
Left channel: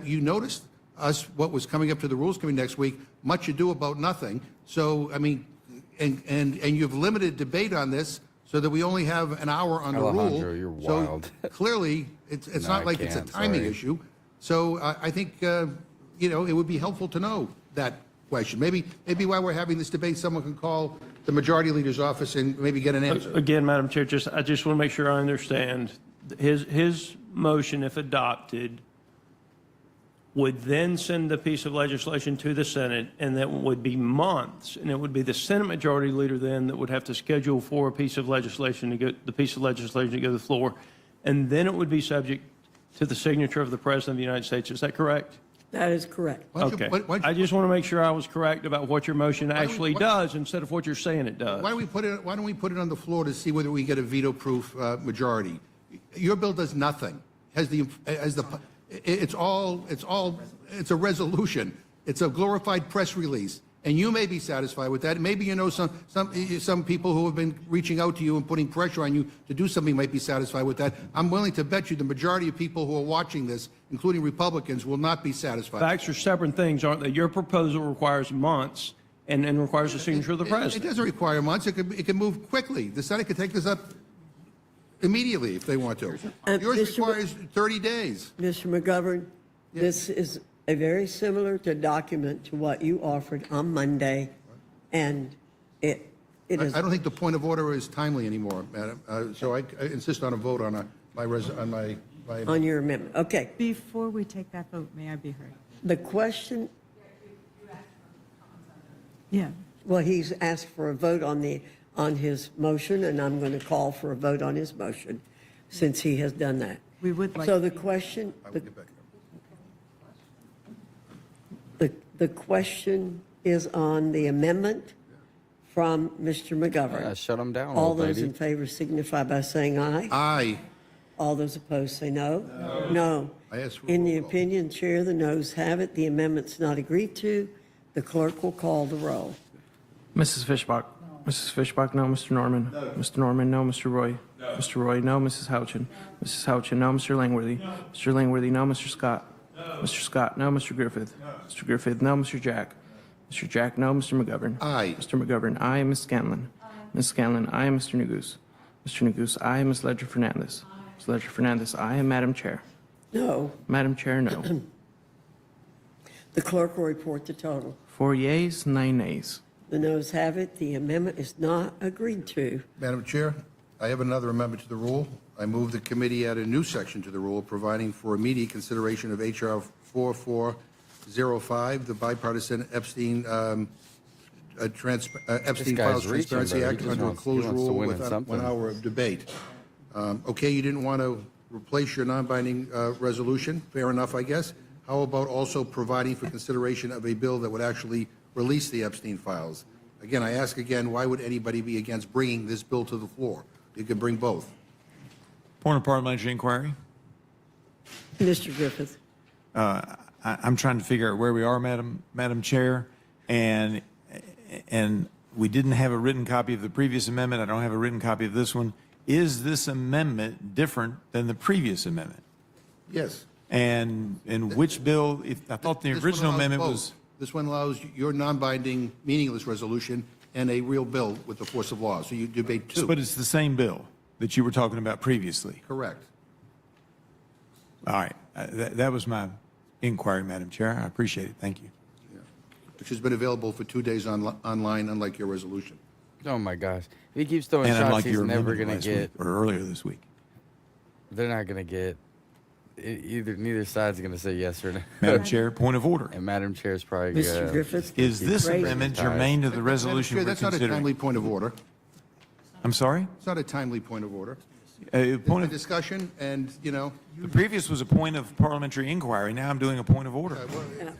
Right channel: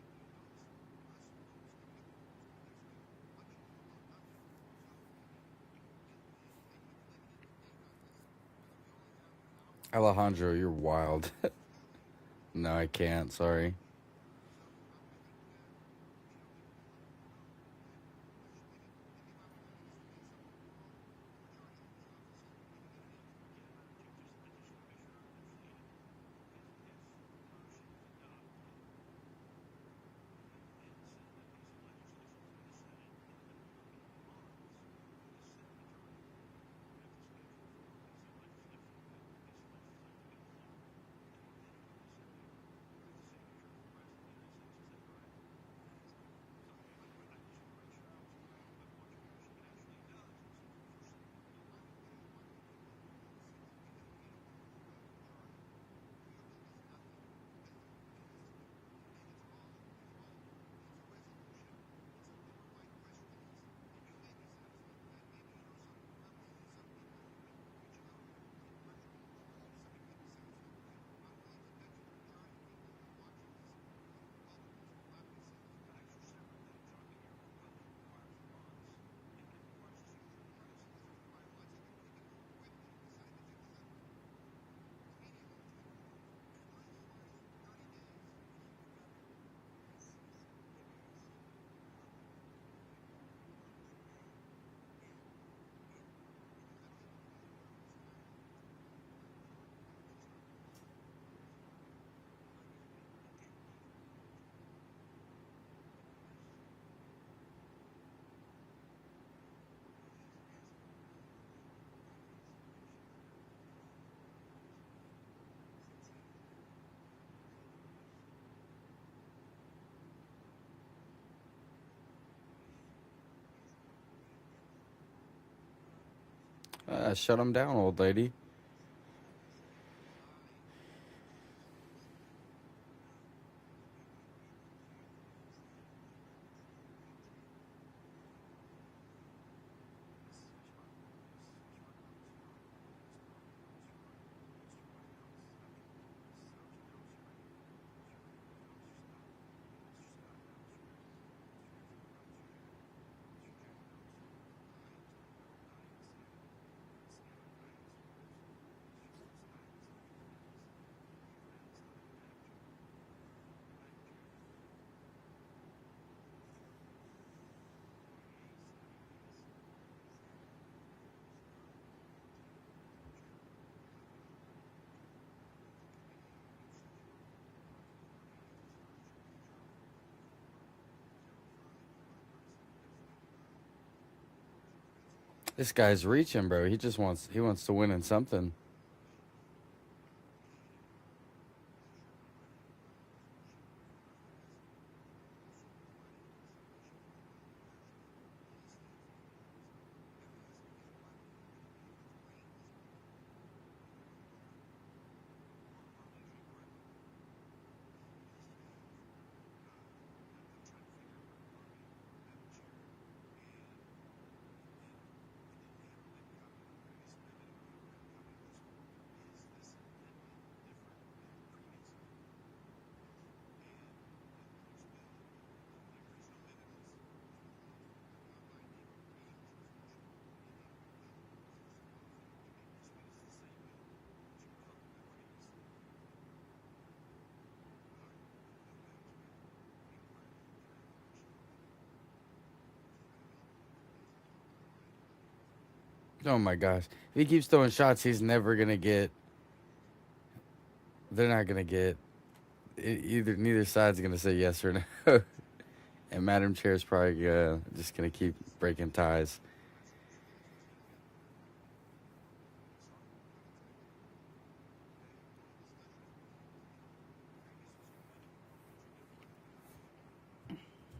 you noticed us what was coming up to the Rules Committee next week. Much ado about nothing. So I mean, and you've limited debate on this so that we only have an hour on the rule. Alejandro, you're wild. So clearly, it's No, not I like it's a can't, timing sorry. issue. So I think it would be helpful to know that question. Maybe while we're having this debate, someone can call the majority leader's office and maybe get an answer. Again, Madam Chair, I just want to make sure I understand. His motion, if adopted, would then send the piece of legislation to the Senate, and that would be months, and it would be the Senate Majority Leader then that would have to schedule for a piece of legislation to go, the piece of legislation to go to the floor, and then it would be subject to the signature of the President of the United States. Is that correct? That is correct. Why don't you- Okay. why don't you- I just want to make sure I was correct about what your motion actually does instead of what you're saying it does. Why don't we put it on the floor to see whether we get a veto-proof majority? Your bill does nothing. It's a resolution. It's a glorified press release. And you may be satisfied with that. Maybe you know some people who have been reaching out to you and putting pressure on you to do something might be satisfied with that. I'm willing to bet you the majority of people who are watching this, including Republicans, will not be satisfied. Facts are separate things, aren't they? Your proposal requires months and requires the signature of the It president. doesn't require months. It can move quickly. The Senate could take this up immediately if they want to. Yours Mr. requires 30 days. Mr. McGovern, this is a very similar to document to what you offered on Monday, and it is. I don't think the point of order is timely anymore, Madam. So I insist on a vote on my. On your amendment. Okay. Before we take that vote, may I be heard? The question, Yeah. well, he's asked for a vote on his motion, and I'm going to call for a vote on his motion since he has done that. We would like. So the question, the question is on the amendment from Mr. McGovern. Shut him down, All old those lady. in favor signify by saying aye. Aye. All those opposed say no. No. I asked for a In the roll call. opinion, Chair, the noes have it. The amendment's not agreed to. The clerk will call the roll. Mrs. Fishbach. Mrs. Fishbach, no. Mr. Norman. Mr. Norman, no. Mr. Roy. Mr. Roy, no. Mrs. Houchin. Mrs. Houchin, no. Mr. Langworthy. Mr. Langworthy, no. Mr. Scott. Mr. Scott, no. Mr. Griffith. Mr. Griffith, no. Mr. Jack. Mr. Jack, no. Mr. McGovern. Aye. Mr. McGovern, aye. Ms. Scanlon. Ms. Scanlon, aye. Mr. Neguse. Mr. Neguse, aye. Ms. Ledger Fernandez. Ms. Ledger Fernandez, aye. And Madam Chair. No. Madam Chair, no. The clerk will report the total. 4 yeas, 9 nays. The noes have it. The amendment is not agreed to. Madam Chair, I have another amendment to the rule. I move the committee add a new section to the rule providing for immediate consideration of H.R. 4405, the bipartisan Epstein Epstein guy's Files reaching, Transparency bro. He Act just under a wants closed to rule win in without something. 1 hour of debate. Okay, you didn't want to replace your non-binding resolution. Fair enough, I guess. How about also providing for consideration of a bill that would actually release the Epstein files? Again, I ask again, why would anybody be against bringing this bill to the floor? You could bring both. Point of parliamentary inquiry. Mr. Griffith. I'm trying to figure out where we are, Madam Chair, and we didn't have a written copy of the previous amendment. I don't have a written copy of this one. Is this amendment different than the previous amendment? Yes. And which bill? I thought the This one original allows amendment both. was. This one allows your non-binding, meaningless resolution and a real bill with the force of law. So you debate two. But it's the same bill that you were talking about previously. Correct. All right. That was my inquiry, Madam Chair. I appreciate it. Thank you. Which has been available for 2 days online, unlike your resolution. Oh my gosh! If he keeps throwing And shots, unlike he's your never amendment gonna last get. week, or earlier this week. They're not gonna get. Neither side's gonna say yes or no. Madam Chair, point of order. And Madam Chair's probably Mr. gonna. Griffith? just gonna Is keep this breaking amendment ties. germane to the resolution Chair, we're that's not a considering? timely point of order. I'm sorry? It's not a timely point of order. Point It's a of, discussion, and, the previous was a point of parliamentary inquiry. Now I'm doing a point of order.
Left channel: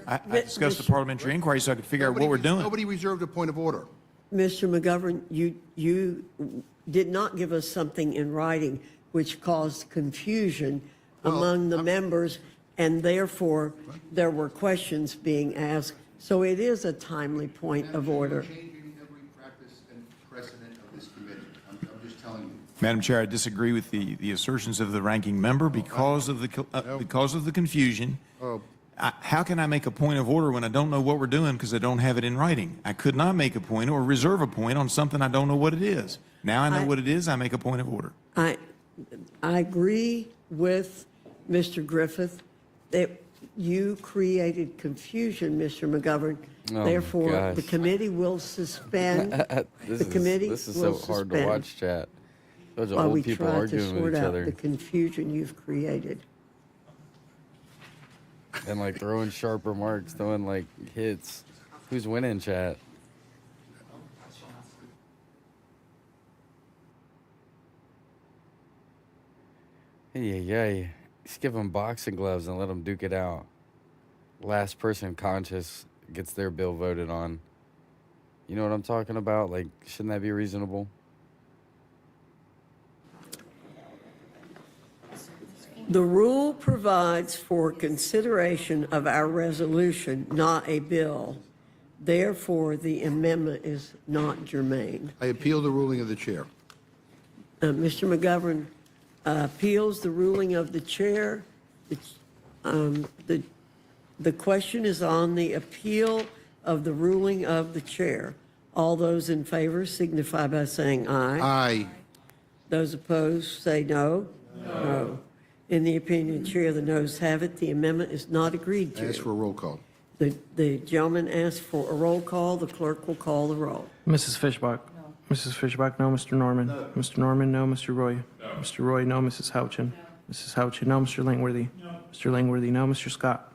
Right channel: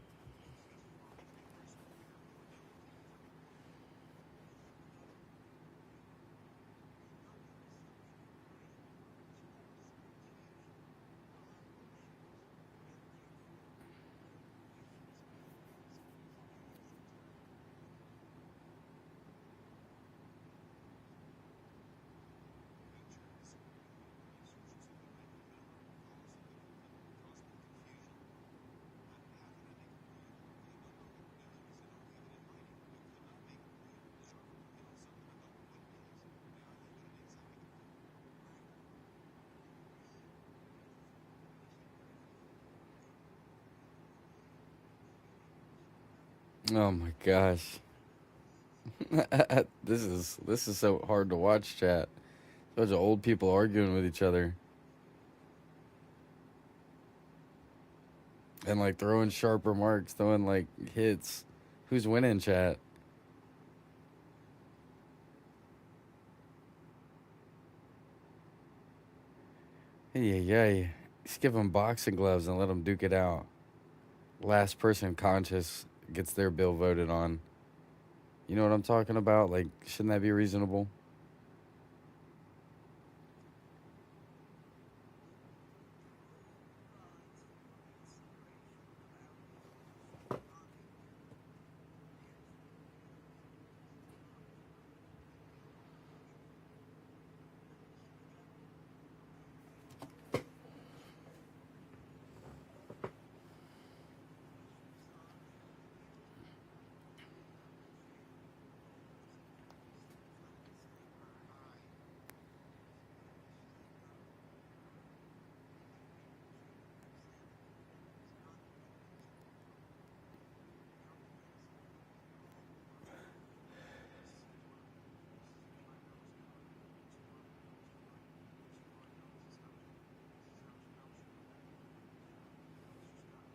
I discussed the parliamentary inquiry so I could figure out what we're doing. Nobody reserved a point of order. Mr. McGovern, you did not give us something in writing which caused confusion among the members, and therefore there were questions being asked. So it is a timely point of order. Changing every practice and precedent of this committee. I'm just telling you. Madam Chair, I disagree with the assertions of the ranking member because of the confusion. How can I make a point of order when I don't know what we're doing because I don't have it in writing? I could not make a point or reserve a point on something I don't know what it is. Now I know what it is, I make a point of order. I agree with Mr. Griffith that you created confusion, Mr. McGovern. Oh my Therefore, the gosh. committee will suspend. This is will so hard to suspend watch, chat. Those are while we old people try to arguing with sort each out other The confusion you've created. and like throwing sharp remarks, throwing like hits. Who's winning, chat? Yeah. Just give them boxing gloves and let them duke it out. last person conscious gets their bill voted on. You know what I'm talking about? Like, shouldn't that be reasonable? The rule provides for consideration of our resolution, not a bill. Therefore, the amendment is not germane. I appeal the ruling of the chair. Mr. McGovern appeals the ruling of the chair. The question is on the appeal of the ruling of the chair. All those in favor signify by saying aye. Aye. Those opposed say no. No. In the opinion of the chair, the noes have it. The amendment is not agreed I to. ask for a roll call. The gentleman asked for a roll call. The clerk will call the roll. Mrs. Fishbach? Mrs. Fishbach, no. Mr. Norman? Mr. Norman, no. Mr. Roy? Mr. Roy, no. Mrs. Houchin? Mrs. Houchin, no. Mr. Langworthy? Mr. Langworthy, no. Mr. Scott?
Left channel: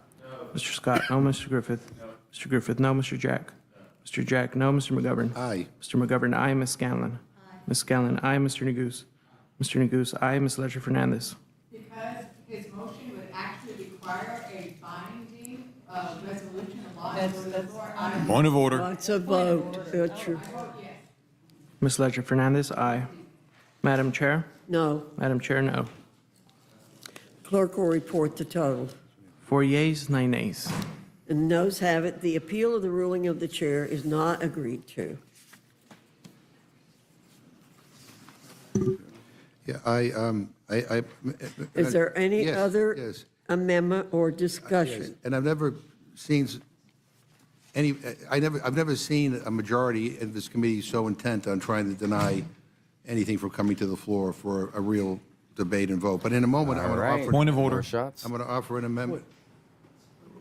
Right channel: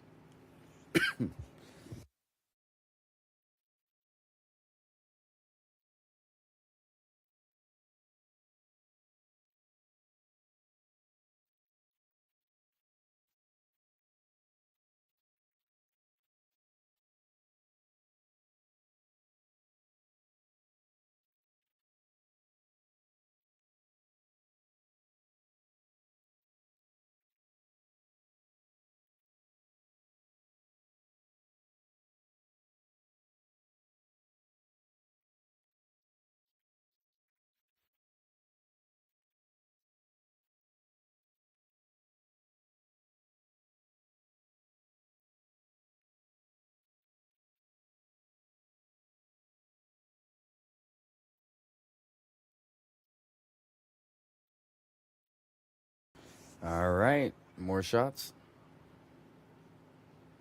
Mr. Scott, no. Mr. Griffith? Mr. Griffith, no. Mr. Jack? Mr. Jack, no. Mr. McGovern? Aye. Mr. McGovern, aye. Ms. Scanlon? Ms. Scanlon, aye. Mr. Neguse? Mr. Neguse, aye. Ms. Ledger Fernandez? Because his motion would actually require a binding resolution of law. Point of order. It's a vote. Ms. Ledger Fernandez, aye. Madam Chair? No. Madam Chair, no. Clerk will report the total. 4 yeas, 9 nays. And the noes have it. The appeal of the ruling of the chair is not agreed to. Yeah, Is there any yes, other yes. amendment or Yes, discussion? and I've never seen I've never seen a majority in this committee so intent on trying to deny anything from coming to the floor for a real debate and vote. But in a moment, All right. Point of order. More shots. I'm going to offer an amendment.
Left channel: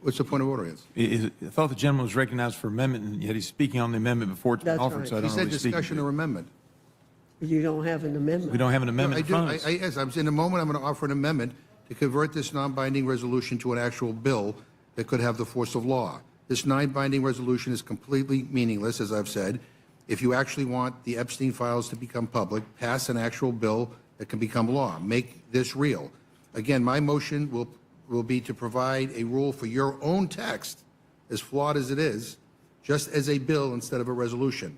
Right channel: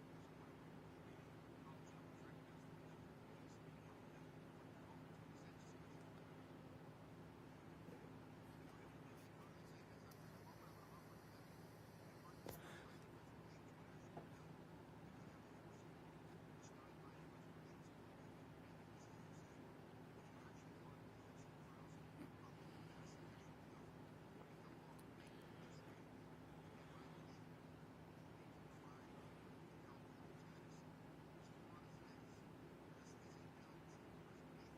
What's the point of order? Is? I thought the gentleman was recognized for amendment, and yet he's speaking on the amendment before it's been That's offered, right. so I He don't know said what he's speaking discussion to. or amendment. You don't have an amendment. We don't have an amendment in No, front of us. Yes, I'm in a moment, I'm going to offer an amendment to convert this non-binding resolution to an actual bill that could have the force of law. This non-binding resolution is completely meaningless, as I've said. If you actually want the Epstein files to become public, pass an actual bill that can become law. Make this real. Again, my motion will be to provide a rule for your own text, as flawed as it is, just as a bill instead of a resolution.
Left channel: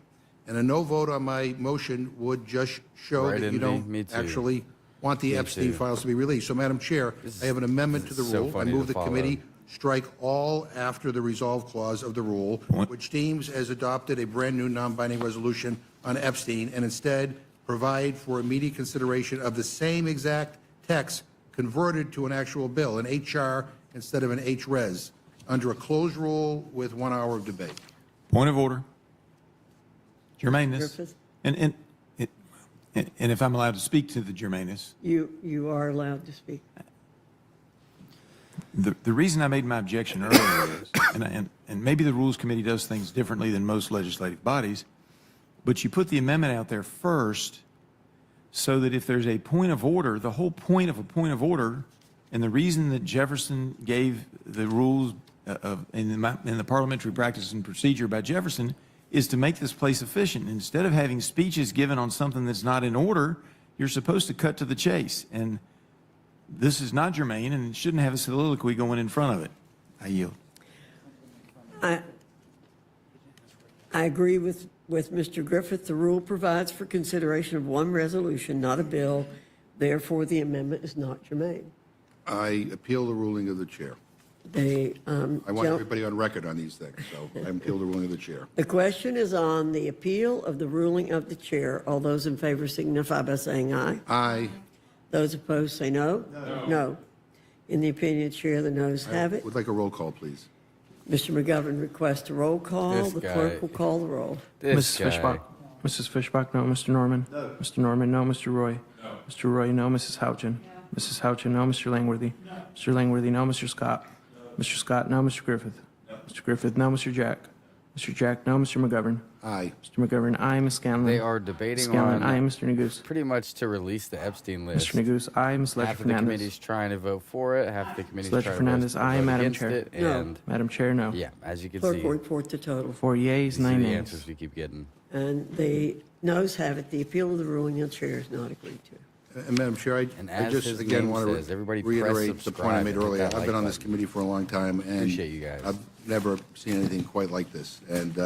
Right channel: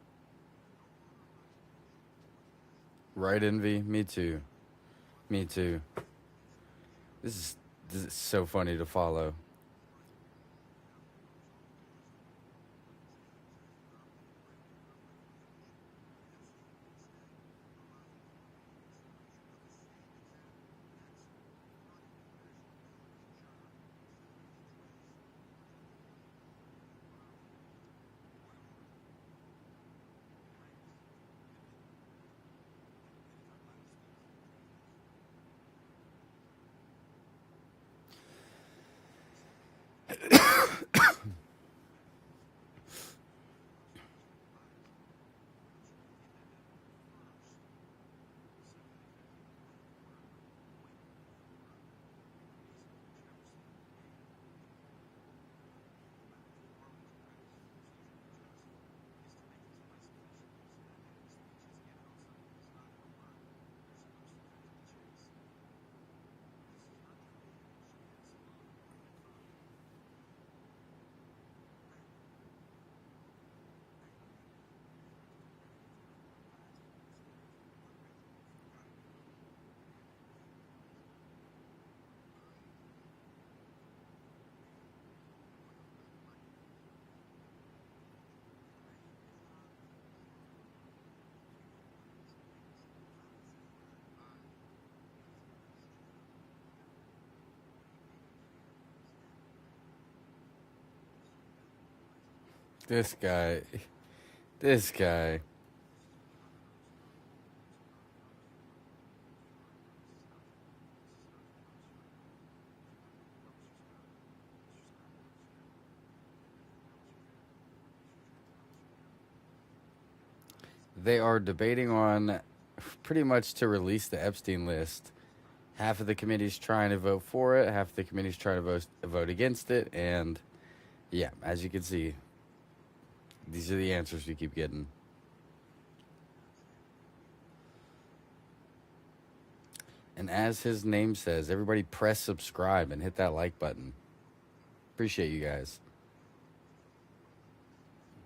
And a no vote on my motion would just show Right, that you Envy. don't Me too. actually want the Me Epstein too. files to be released. So, Madam Chair, I have an amendment to this the is rule. so funny I to move the follow. committee strike all after the resolve clause of the rule, which deems as adopted a brand-new non-binding resolution on Epstein, and instead provide for immediate consideration of the same exact text converted to an actual bill, an HR instead of an HRES, under a closed rule with 1 hour of debate. Point of order. Germaneness. Griffith? And if I'm allowed to speak to the germaneness, You are allowed to speak. the reason I made my objection earlier is, and maybe the Rules Committee does things differently than most legislative bodies, but you put the amendment out there first so that if there's a point of order, the whole point of a point of order, and the reason that Jefferson gave the rules in the parliamentary practice and procedure by Jefferson is to make this place efficient. Instead of having speeches given on something that's not in order, you're supposed to cut to the chase. And this is not germane, and it shouldn't have a soliloquy going in front of it. I yield. I agree with Mr. Griffith. The rule provides for consideration of one resolution, not a bill. Therefore, the amendment is not germane. I appeal the ruling of the chair. I want everybody on record on these things, so I appeal the ruling of the chair. The question is on the appeal of the ruling of the chair. All those in favor signify by saying aye. Aye. Those opposed say no. No. In the opinion of the chair, the noes have it. Would like a roll call, please. Mr. McGovern requests a roll call. This The guy. clerk will call the roll. This Mrs. guy. Fishbach? Mrs. Fishbach, no. Mr. Norman? Mr. Norman, no. Mr. Roy? Mr. Roy, no. Mrs. Houchin? Mrs. Houchin, no. Mr. Langworthy? Mr. Langworthy, no. Mr. Scott? Mr. Scott, no. Mr. Griffith? Mr. Griffith, no. Mr. Jack? Mr. Jack, no. Mr. McGovern? Aye. Mr. McGovern, aye. Ms. Scanlon? They are debating Scanlon, on aye. Mr. Neguse? pretty much to release the Epstein list. Mr. Neguse, aye. Ms. Ledger Half of the Fernandez? committee's trying to vote for it, half of the committee's Ledger trying to Fernandez, aye. vote Madam against Chair? it, and Madam Chair, no. yeah, as you can Clerk see, will report the total. 4 yeas, these are 9 the nays. answers we keep getting. And the noes have it. The appeal of the ruling of the chair is not agreed to. And Madam Chair, And I as just, his again, name want to says, everybody press reiterate the point I subscribe made and hit earlier. that I've like been on this button. committee for a long time, and Appreciate you guys. I've never seen anything quite like this, and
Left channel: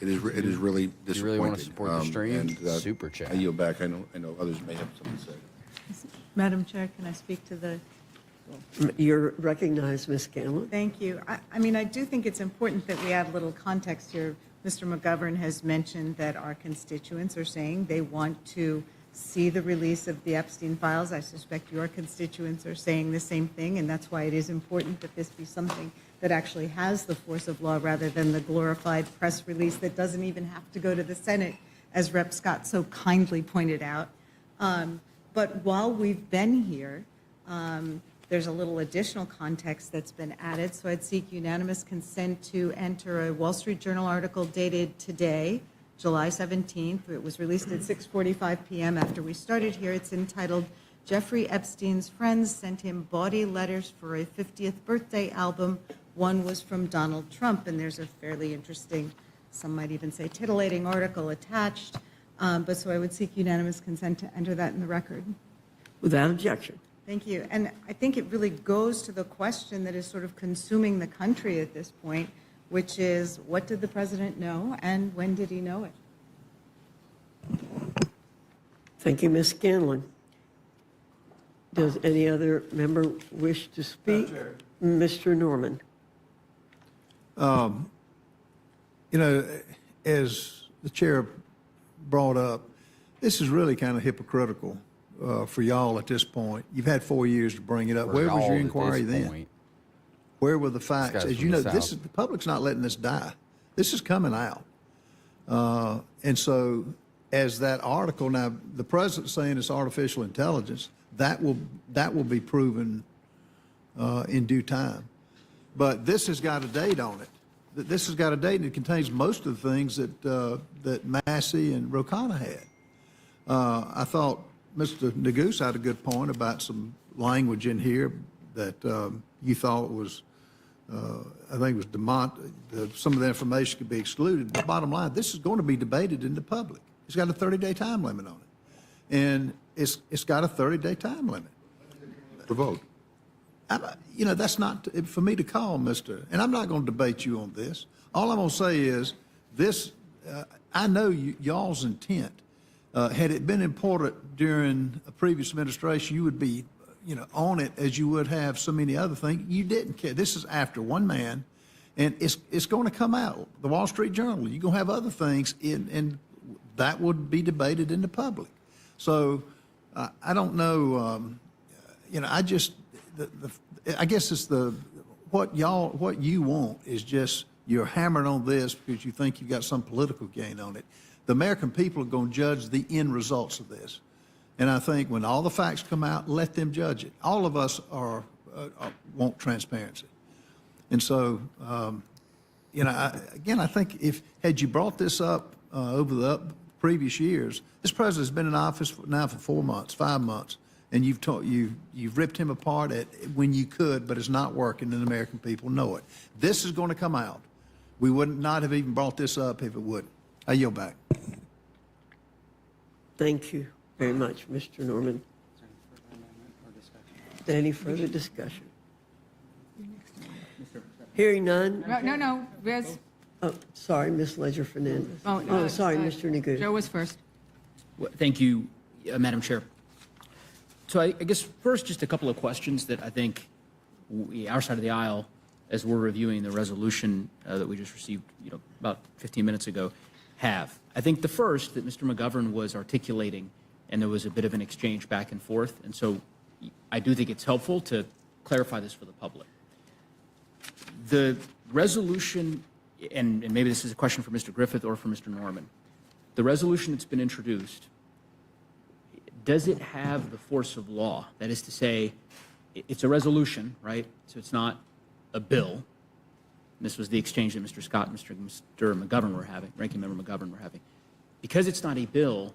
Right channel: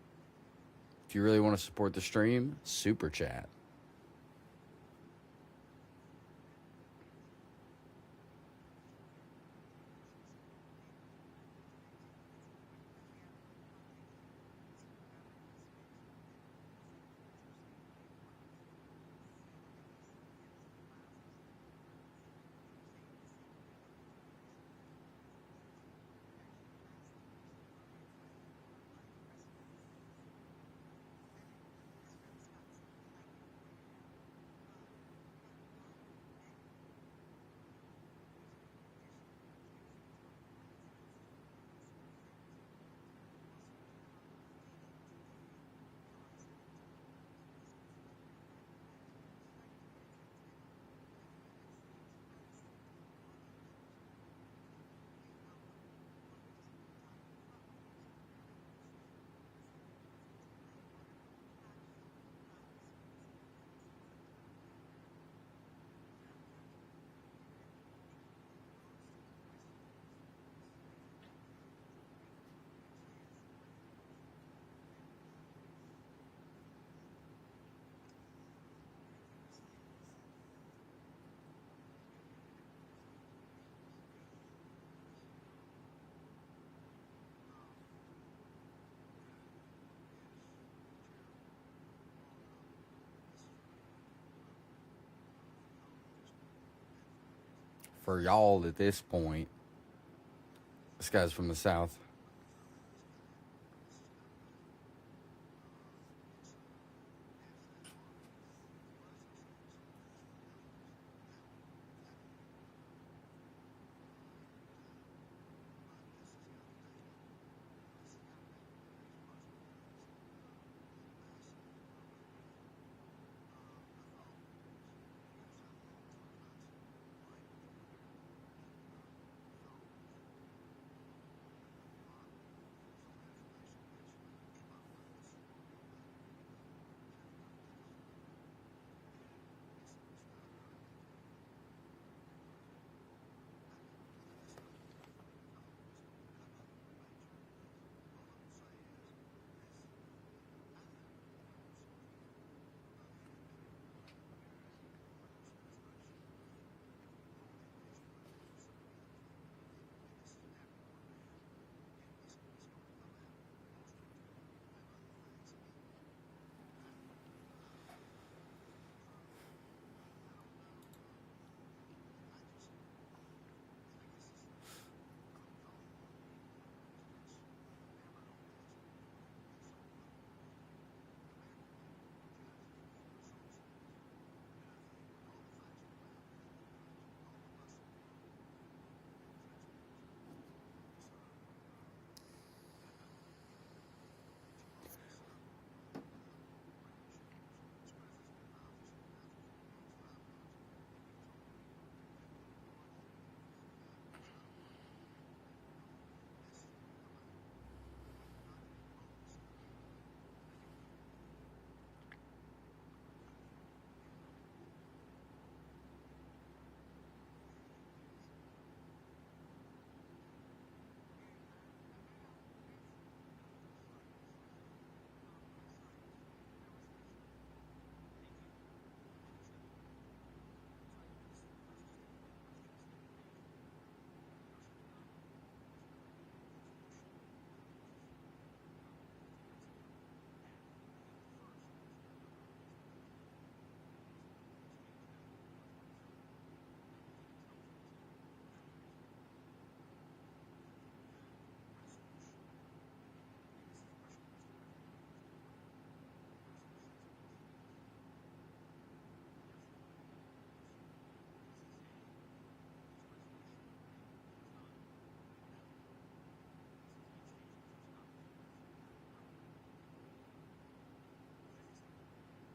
it is really disappointing. If you really want to support the stream, and, super chat. I yield back. I know others may have something to say. Madam Chair, can I speak to the? You're recognized, Ms. Scanlon. Thank you. I mean, I do think it's important that we add a little context here. Mr. McGovern has mentioned that our constituents are saying they want to see the release of the Epstein files. I suspect your constituents are saying the same thing, and that's why it is important that this be something that actually has the force of law rather than the glorified press release that doesn't even have to go to the Senate, as Rep. Scott so kindly pointed out. But while we've been here, there's a little additional context that's been added, so I'd seek unanimous consent to enter a Wall Street Journal article dated today, July 17th. It was released at 6:45 p.m. after we started here. It's entitled, Jeffrey Epstein's Friends Sent Him Bawdy Letters for a 50th Birthday Album. One was from Donald Trump, and there's a fairly interesting, some might even say titillating article attached. But so I would seek unanimous consent to enter that in the record. Without objection. Thank you. And I think it really goes to the question that is sort of consuming the country at this point, which is, what did the president know and when did he know it? Thank you, Ms. Scanlon. Does any other member wish to speak? Mr. Norman. You know, as the chair brought up, this is really kind of hypocritical for y'all at this point. You've had 4 years to bring it up. For Where was y'all your at inquiry this then? point. Where were the facts? guy's As from you the know, South. the public's not letting this die. This is coming out. And so as that article, now the president's saying it's artificial intelligence, that will be proven in due time. But this has got a date on it. This has got a date, and it contains most of the things that Massey and Rokana had. I thought Mr. Neguse had a good point about some language in here that you thought was, I think it was some of the information could be excluded. But bottom line, this is going to be debated in the public. It's got a 30-day time limit on it. And it's got a 30-day time limit. The vote. You know, that's not for me to call, Mr. And I'm not going to debate you on this. All I'm going to say is this, I know y'all's intent. Had it been important during a previous administration, you would be, on it as you would have so many other things. You didn't care. This is after one man, and it's going to come out. The Wall Street Journal, you're going to have other things, and that would be debated in the public. So I don't know, I just, I guess it's what you want is just you're hammering on this because you think you've got some political gain on it. The American people are going to judge the end results of this. And I think when all the facts come out, let them judge it. All of us want transparency. And so, I think had you brought this up over the previous years, this president's been in office now for 4 months, 5 months, and you've ripped him apart when you could, but it's not working, and the American people know it. This is going to come out. We would not have even brought this up if it wouldn't. I yield back. Thank you very much, Mr. Norman. Any further discussion? Hearing none. No. Riz. Oh, sorry, Ms. Ledger-Fernandez. No, sorry, Mr. Neguse. Joe was first. Well, thank you, Madam Chair. So I guess first, just a couple of questions that I think our side of the aisle, as we're reviewing the resolution that we just received, about 15 minutes ago, have. I think the first that Mr. McGovern was articulating, and there was a bit of an exchange back and forth, and so I do think it's helpful to clarify this for the public. The resolution, and maybe this is a question for Mr. Griffith or for Mr. Norman, the resolution that's been introduced, does it have the force of law? That is to say, it's a resolution, right? So it's not a bill. This was the exchange that Mr. Scott and Mr. McGovern were having, Ranking Member McGovern were having. Because it's not a bill,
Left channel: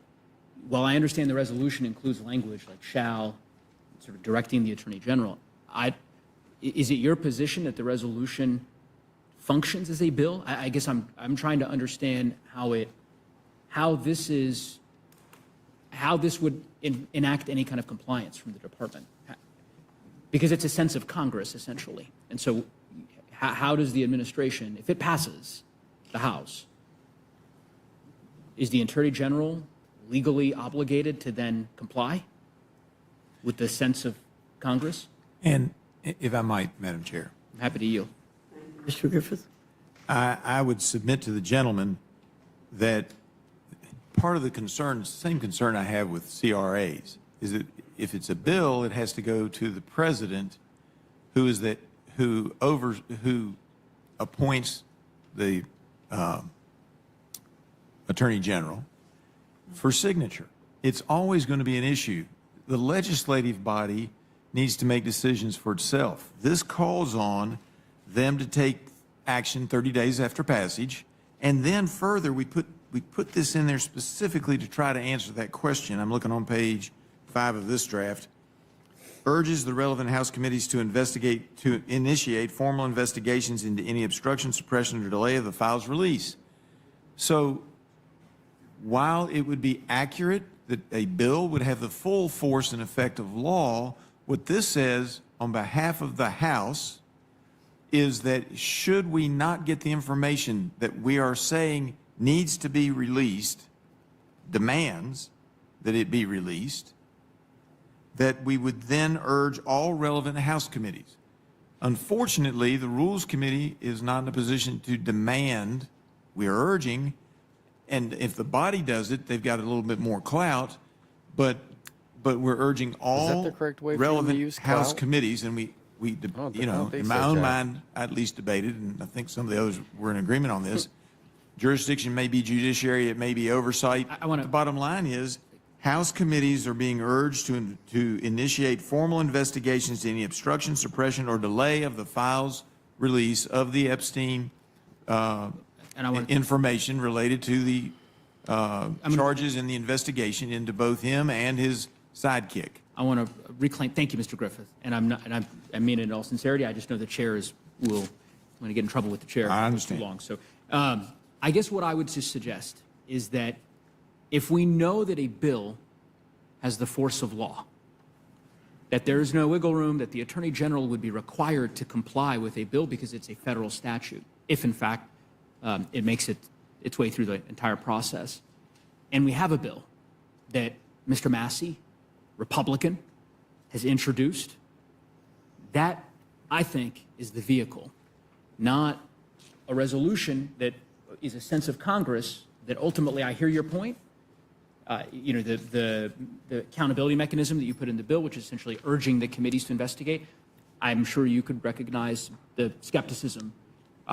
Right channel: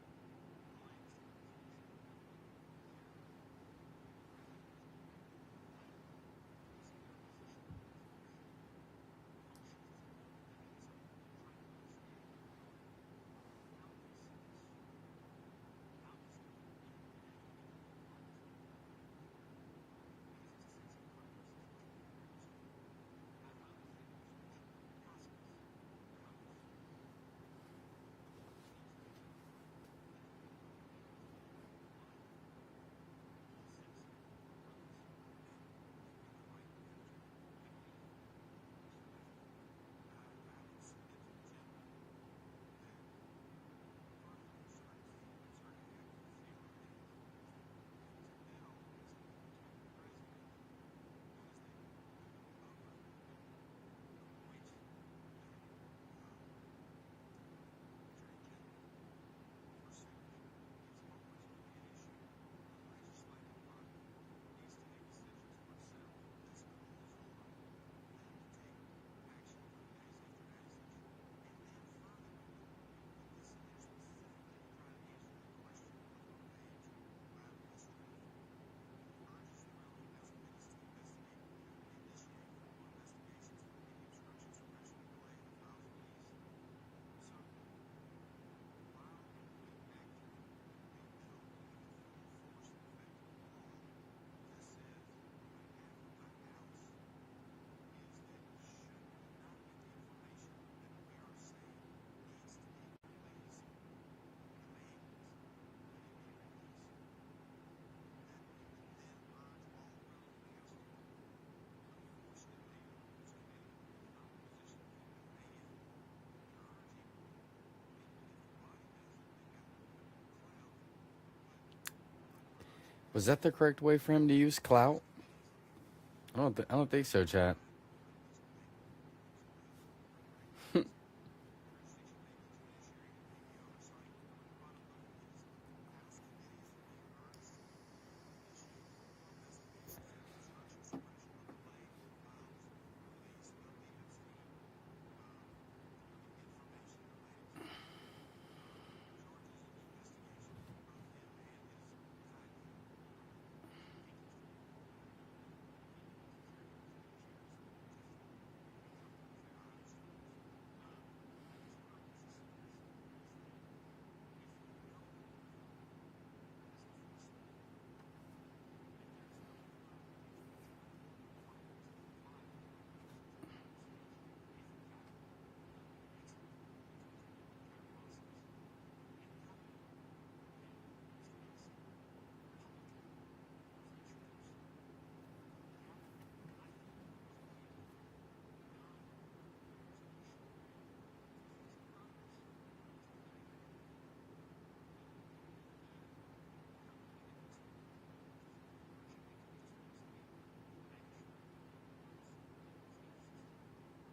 while I understand the resolution includes language like shall, sort of directing the Attorney General, is it your position that the resolution functions as a bill? I guess I'm trying to understand how how this would enact any kind of compliance from the department. Because it's a sense of Congress, essentially. And so how does the administration, if it passes the House, is the Attorney General legally obligated to then comply with the sense of Congress? And if I might, Madam Chair. I'm happy to yield. Mr. Griffith? I would submit to the gentleman that part of the concern, same concern I have with CRAs, is that if it's a bill, it has to go to the president, who appoints the attorney general for signature. It's always going to be an issue. The legislative body needs to make decisions for itself. This calls on them to take action 30 days after passage, and then further, we put this in there specifically to try to answer that question. I'm looking on page 5 of this draft. Urges the relevant House committees to initiate formal investigations into any obstruction, suppression, or delay of the file's release. So while it would be accurate that a bill would have the full force and effect of law, what this says on behalf of the House is that should we not get the information that we are saying needs to be released, demands that it be released, that we would then urge all relevant House committees. Unfortunately, the Rules Committee is not in a position to demand. We are urging, and if the body does it, they've got a little bit more clout, but we're urging all Is that the correct way for them to relevant use House clout? committees, and we I don't in think my so, own Jack. mind, I at least debated, and I think some of the others were in agreement on this. Jurisdiction may be judiciary, it may be oversight. The bottom line is, House committees are being urged to initiate formal investigations to any obstruction, suppression, or delay of the file's release of the Epstein information related to the charges in the investigation into both him and his sidekick. I want to reclaim. Thank you, Mr. Griffith. And I mean it in all sincerity. I just know the chair I'm going to get in trouble with the chair. I if understand. Too long. So, I guess what I would just suggest is that if we know that a bill has the force of law, that there is no wiggle room, that the Attorney General would be required to comply with a bill because it's a federal statute, if in fact it makes its way through the entire process. And we have a bill that Mr. Massey, Republican, has introduced. That, I think, is the vehicle, not a resolution that is a sense of Congress that ultimately, I hear your point, the accountability mechanism that you put in the bill, which is essentially urging the committees to investigate. I'm sure you could recognize the skepticism,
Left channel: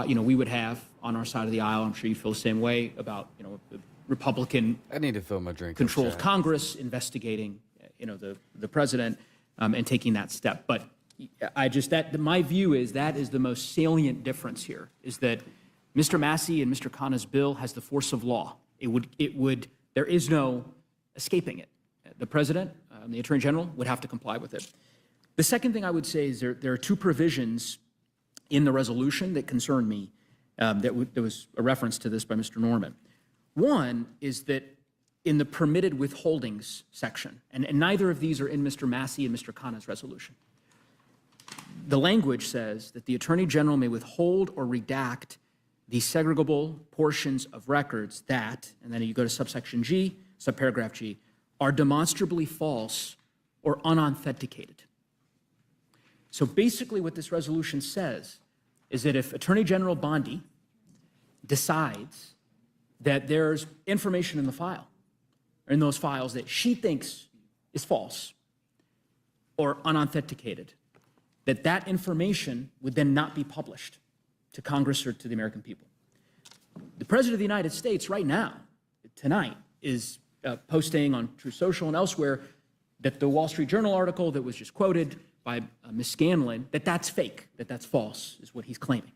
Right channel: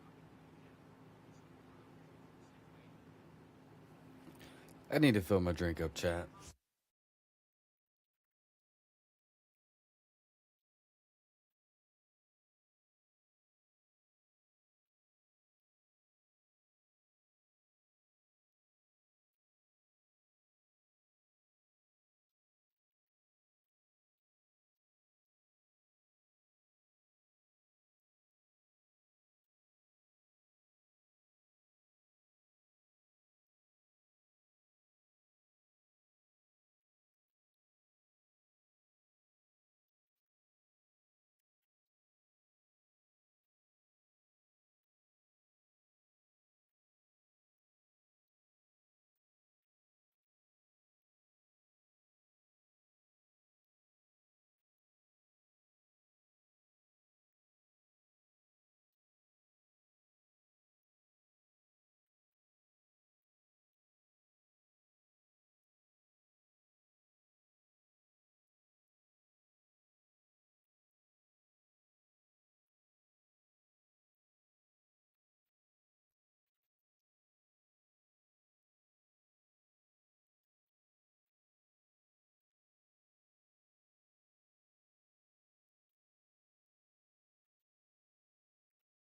we would have on our side of the aisle. I'm sure you feel the same way about, the Republican I need to fill my drink. control up, of Chad. Congress investigating, the president and taking that step. But my view is that is the most salient difference here, is that Mr. Massey and Mr. Khanna's bill has the force of law. There is no escaping it. The president, the Attorney General, would have to comply with it. The second thing I would say is there are two provisions in the resolution that concern me. There was a reference to this by Mr. Norman. One is that in the permitted withholdings section, and neither of these are in Mr. Massey and Mr. Khanna's resolution, the language says that the Attorney General may withhold or redact the segregable portions of records that, and then you go to subsection G, subparagraph G, are demonstrably false or unauthenticated. So basically what this resolution says is that if Attorney General Bondi decides that there's information in the file, or in those files that she thinks is false or unauthenticated, that information would then not be published to Congress or to the American people. The President of the United States right now, tonight, is posting on True Social and elsewhere that the Wall Street Journal article that was just quoted by Ms. Scanlon, that's fake, that's false, is what he's claiming,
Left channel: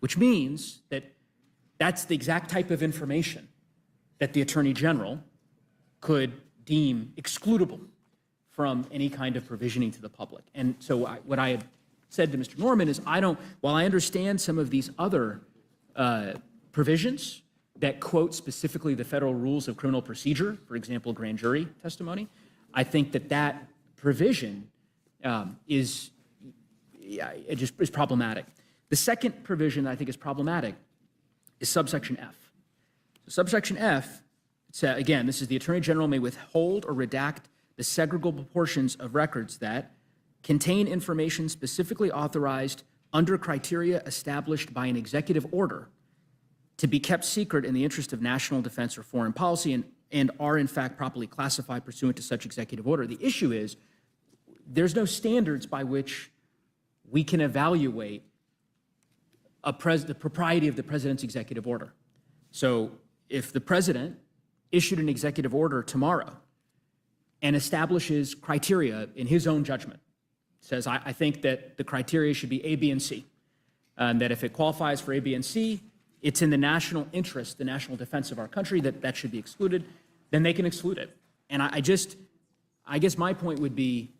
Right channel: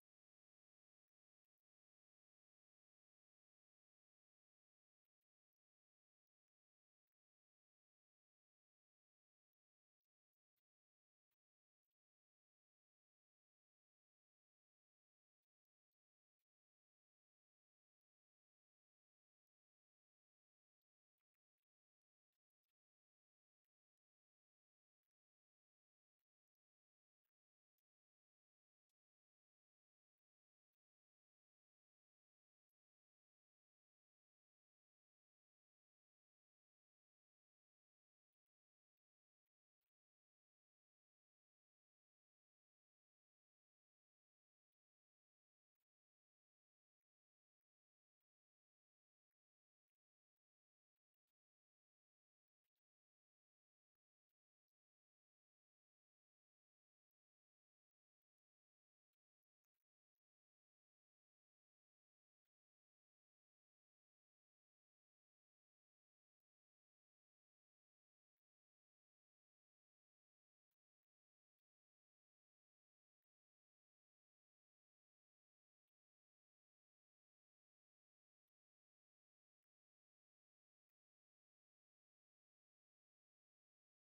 which means that that's the exact type of information that the Attorney General could deem excludable from any kind of provisioning to the public. And so what I had said to Mr. Norman is while I understand some of these other provisions that quote specifically the federal rules of criminal procedure, for example, grand jury testimony, I think that provision is problematic. The second provision that I think is problematic is subsection F. So subsection F, again, this is the Attorney General may withhold or redact the segregable portions of records that contain information specifically authorized under criteria established by an executive order to be kept secret in the interest of national defense or foreign policy and are in fact properly classified pursuant to such executive order. The issue is there's no standards by which we can evaluate the propriety of the president's executive order. So if the president issued an executive order tomorrow and establishes criteria in his own judgment, says, I think that the criteria should be A, B, and C, and that if it qualifies for A, B, and C, it's in the national interest, the national defense of our country, that should be excluded, then they can exclude it. And I guess my point would be,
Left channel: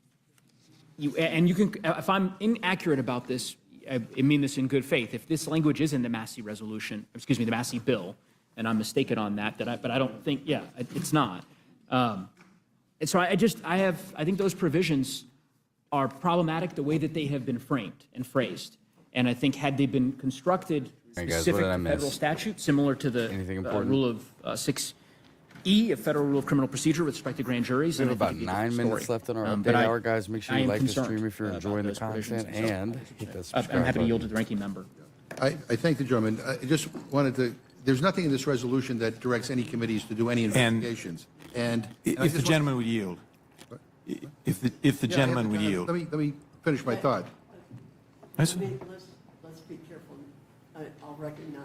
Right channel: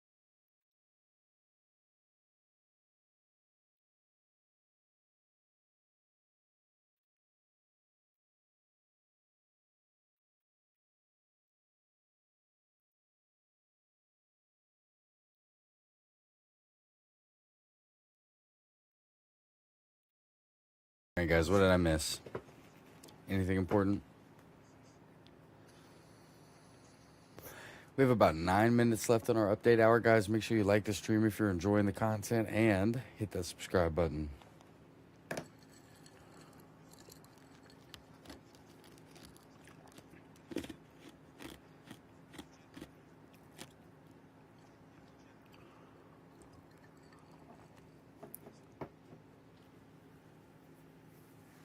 you can, if I'm inaccurate about this, I mean this in good faith. If this language is in the Massey resolution, excuse me, the Massey bill, and I'm mistaken on that, but I don't think, yeah, it's not. And so I think those provisions are problematic the way that they have been framed and phrased. And I think had they been constructed Hey guys, specific what did I to miss? federal statute, similar to the Anything important? rule of 6E, a federal rule of criminal procedure with respect to grand juries. We have then I about think 9 it's a minutes story. left in our But update hour, guys. Make sure I you am like the concerned stream if you're about enjoying the those provisions, content, and so and hit that I'm subscribe happy to yield to button. the ranking member. I thank the gentleman. I just wanted to, there's nothing in this resolution that directs any committees to do any investigations. And I If the just gentleman would yield. If the Yeah, gentleman would yield. Let me finish my thought. Let's be careful. I'll recognize.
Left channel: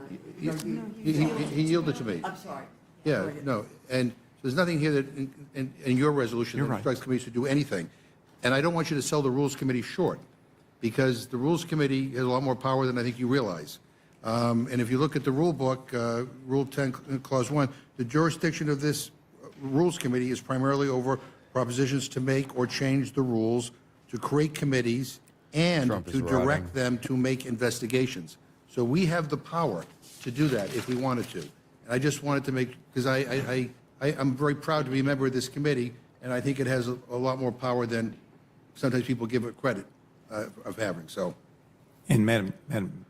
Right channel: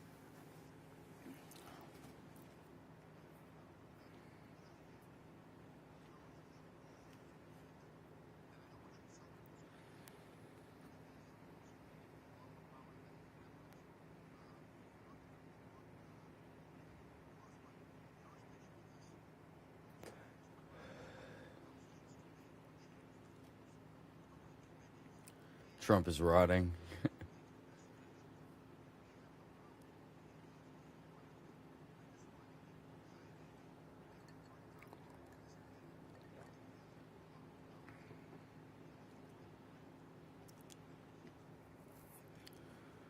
He yielded to me. I'm sorry. Yeah, Go ahead. no, and there's nothing here that, in your resolution You're that right. instructs committees to do anything. And I don't want you to sell the Rules Committee short, because the Rules Committee has a lot more power than I think you realize. And if you look at the rule book, Rule 10, Clause 1, the jurisdiction of this Rules Committee is primarily over propositions to make or change the rules, to create committees, and Trump is to rotting. direct them to make investigations. So we have the power to do that if we wanted to. And I just wanted to make, because I'm very proud to be a member of this committee, and I think it has a lot more power than sometimes people give it credit of having, so. And Madam,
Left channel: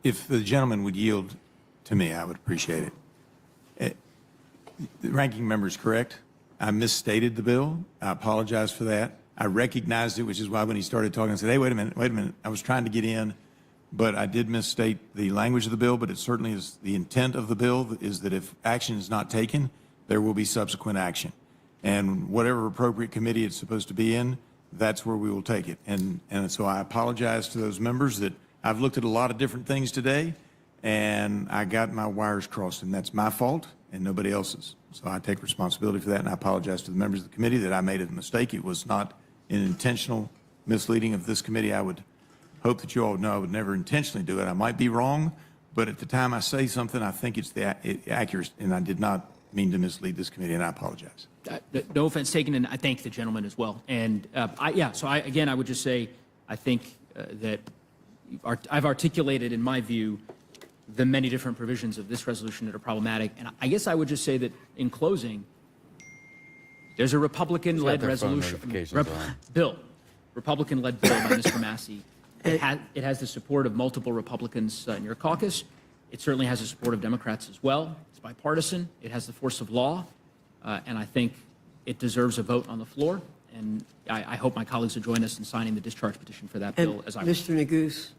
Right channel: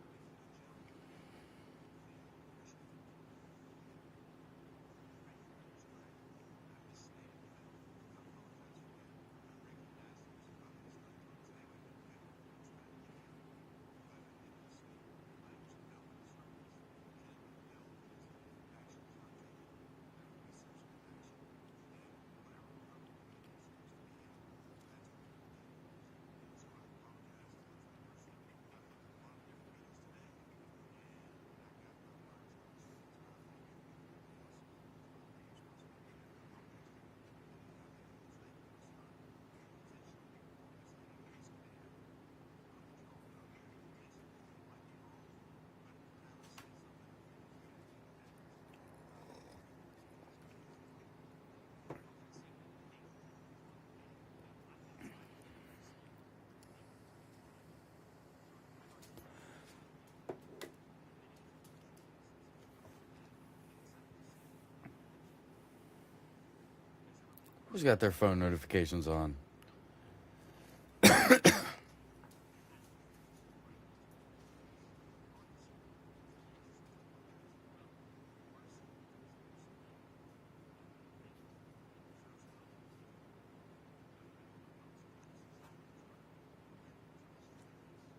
if the gentleman would yield to me, I would appreciate it. The ranking member is correct. I misstated the bill. I apologize for that. I recognized it, which is why when he started talking, I said, hey, wait a minute. I was trying to get in, but I did misstate the language of the bill, but it certainly is the intent of the bill is that if action is not taken, there will be subsequent action. And whatever appropriate committee it's supposed to be in, that's where we will take it. And so I apologize to those members that I've looked at a lot of different things today, and I got my wires crossed, and that's my fault and nobody else's. So I take responsibility for that, and I apologize to the members of the committee that I made a mistake. It was not an intentional misleading of this committee. I would hope that you all know I would never intentionally do it. I might be wrong, but at the time I say something, I think it's accurate, and I did not mean to mislead this committee, and I apologize. No offense taken, and I thank the gentleman as well. And I would just say, I think that I've articulated, in my view, the many different provisions of this resolution that are problematic. And I guess I would just say that in closing, there's a Republican-led their phone resolution. notifications on? Bill, Republican-led bill by Mr. Massey. It has the support of multiple Republicans in your caucus. It certainly has the support of Democrats as well. It's bipartisan. It has the force of law. And I think it deserves a vote on the floor. And I hope my colleagues will join us in signing the discharge petition for that bill as I Mr. Neguse,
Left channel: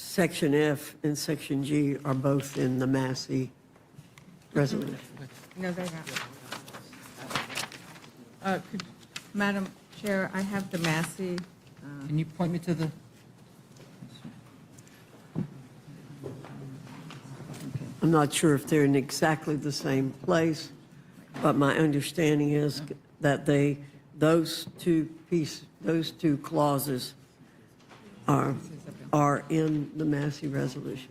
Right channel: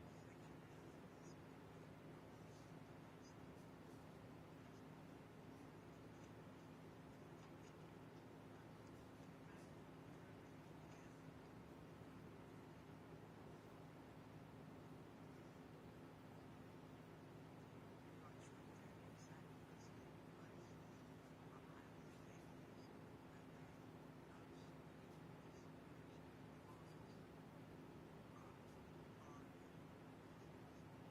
Section F and Section G are both in the Massey resolution. No, they're not. Madam Chair, I have the Massey. Can you point me to the? I'm not sure if they're in exactly the same place, but my understanding is that those two clauses are in the Massey resolution.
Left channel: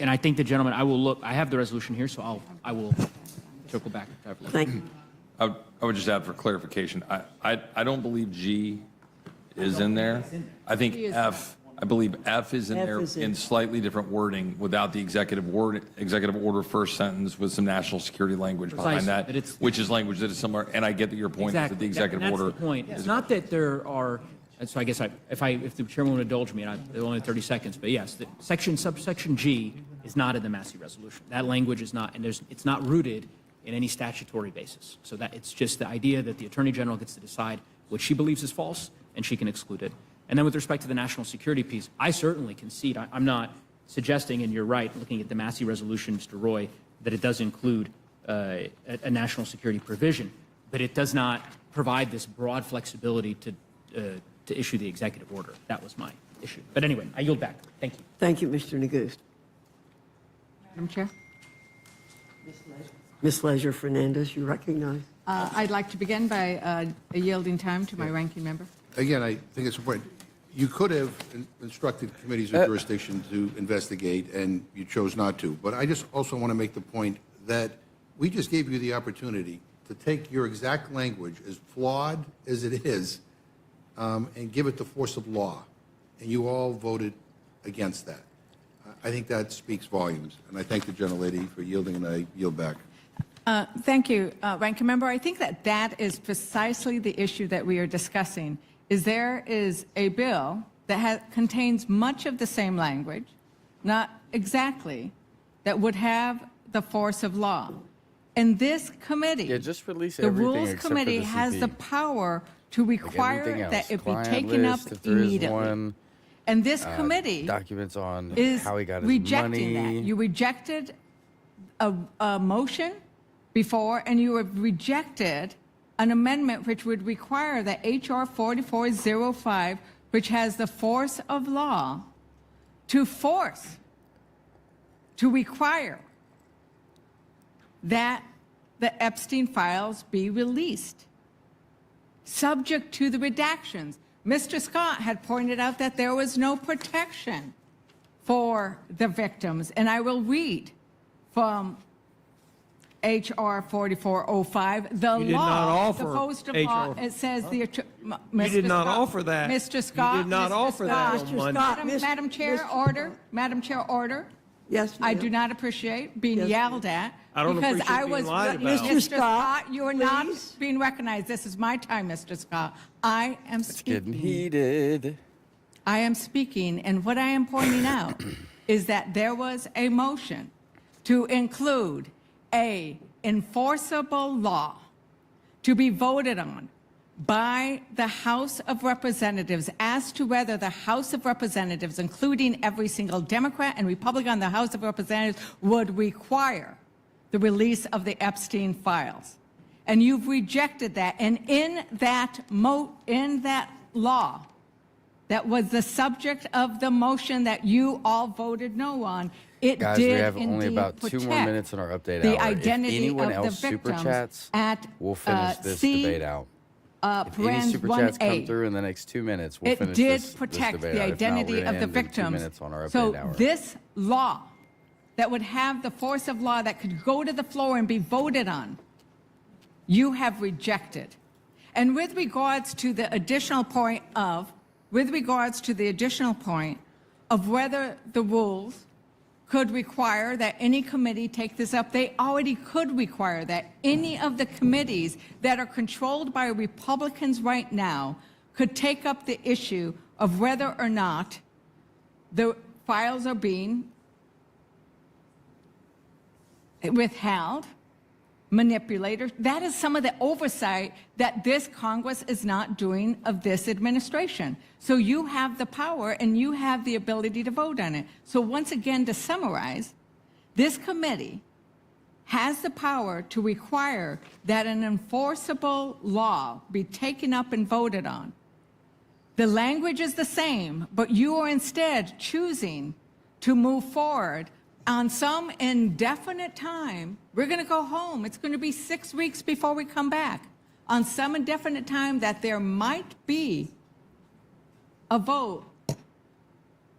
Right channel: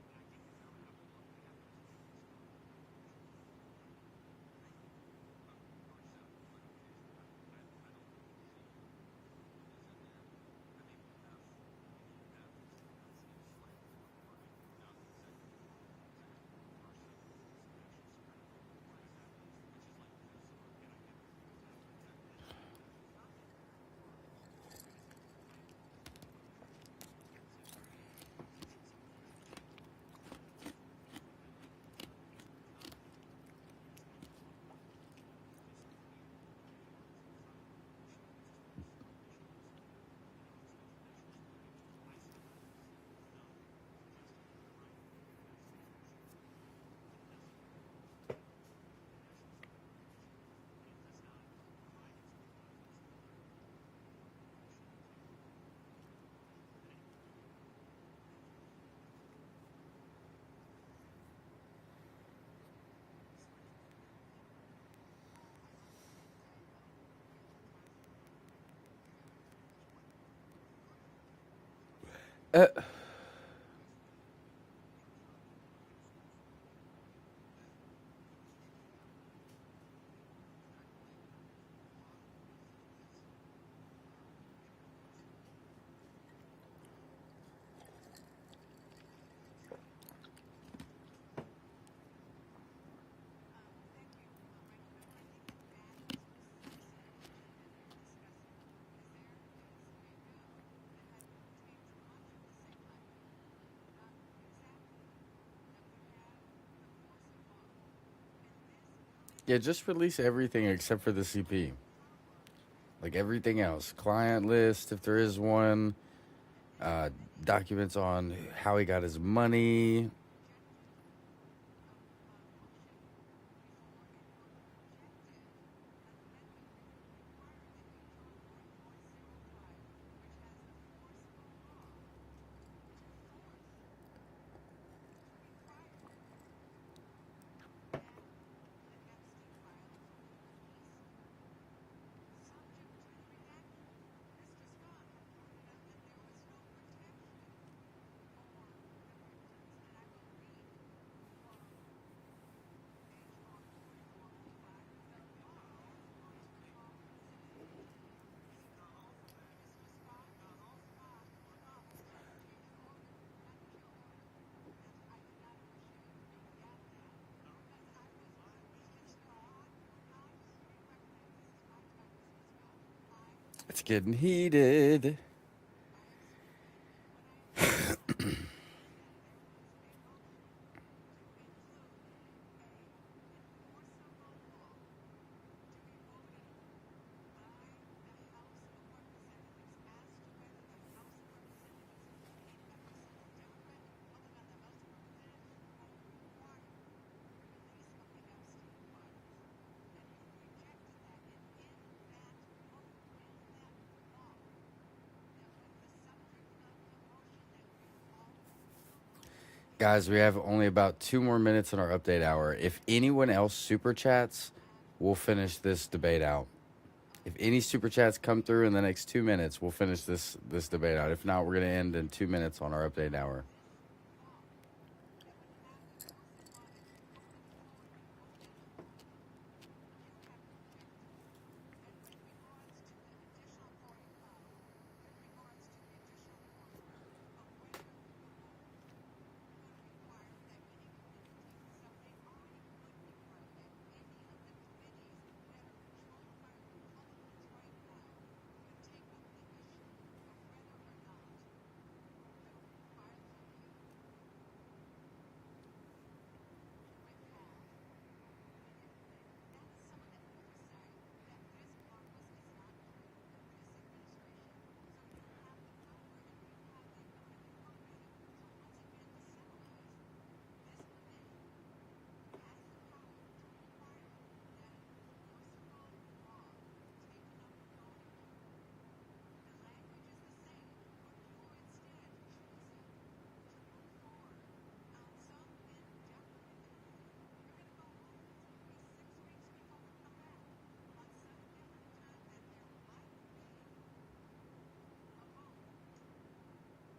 And I think the gentleman, I will look, I have the resolution here, so I will circle back. Thank you. I would just add for clarification, I don't believe G is in there. I think F I believe F is in F there is in. in slightly different wording without the executive order first sentence with some national security language behind Precisely, that, but it's- which is language that is similar. And I get that your point is that the executive That's order. the point. It's not that there are, so I guess if the chairman would indulge me, and I only 30 seconds, but yes, subsection G is not in the Massey resolution. That language is not, and it's not rooted in any statutory basis. So that it's just the idea that the Attorney General gets to decide what she believes is false, and she can exclude it. And then with respect to the national security piece, I certainly concede. I'm not suggesting, and you're right, looking at the Massey resolution, Mr. Roy, that it does include a national security provision, but it does not provide this broad flexibility to issue the executive order. That was my issue. But anyway, I yield back. Thank you. Thank you, Mr. Negust. Madam Chair? Ms. Leisure Fernandez, you recognize. I'd like to begin by yielding time to my ranking member. Again, I think it's important. You could have instructed committees of jurisdiction to investigate, and you chose not to. But I just also want to make the point that we just gave you the opportunity to take your exact language, as flawed as it is, and give it the force of law. And you all voted against that. I think that speaks volumes. And I thank the gentlelady for yielding, and I yield back. Thank you, Ranking Member. I think that is precisely the issue that we are discussing. There is a bill that contains much of the same language, not exactly, that would have the force of law. And this committee, Yeah, just release the everything Rules except for the Committee, has the CP. power to Like require everything else, that it be client taken list, up if there is immediately. one. And this committee Documents on is how he got his rejecting money. that. You rejected a motion before, and you have rejected an amendment which would require that H.R. 4405, which has the force of law, to require that the Epstein files be released, subject to the redactions. Mr. Scott had pointed out that there was no protection for the victims, and I will read from H.R. 4405, the You did law, not offer the post of HR. law, it says the... You did not offer that. Mr. Scott, You did not Mr. offer that Scott, on Monday. Madam Chair, order. Madam Chair, order. Yes, I ma'am. do not appreciate being Yes, yelled at. I don't because appreciate I being was, lied about. Mr. Scott, you are not please. being recognized. This is my time, Mr. Scott. I am It's speaking. getting heated. I am speaking, and what I am pointing out is that there was a motion to include a enforceable law to be voted on by the House of Representatives as to whether the House of Representatives, including every single Democrat and Republican in the House of Representatives, would require the release of the Epstein files. And you've rejected that. And in that law, that was the subject of the motion that you all voted no on, it Guys, did we have only indeed about 2 more protect minutes in our update the hour. If identity anyone of the else super victims chats, at, we'll finish this C, debate out. If any parens super chats 1A. come through in the next 2 minutes, we'll It finish did this protect debate the out. If not, we're identity going to of the end in 2 victims. minutes on our update So hour. this law that would have the force of law that could go to the floor and be voted on, you have rejected. And with regards to the additional point of whether the rules could require that any committee take this up, they already could require that any of the committees that are controlled by Republicans right now could take up the issue of whether or not the files are being withheld, manipulated. That is some of the oversight that this Congress is not doing of this administration. So you have the power and you have the ability to vote on it. So once again, to summarize, this committee has the power to require that an enforceable law be taken up and voted on. The language is the same, but you are instead choosing to move forward on some indefinite time. We're going to go home. It's going to be 6 weeks before we come back. On some indefinite time that there might be a vote.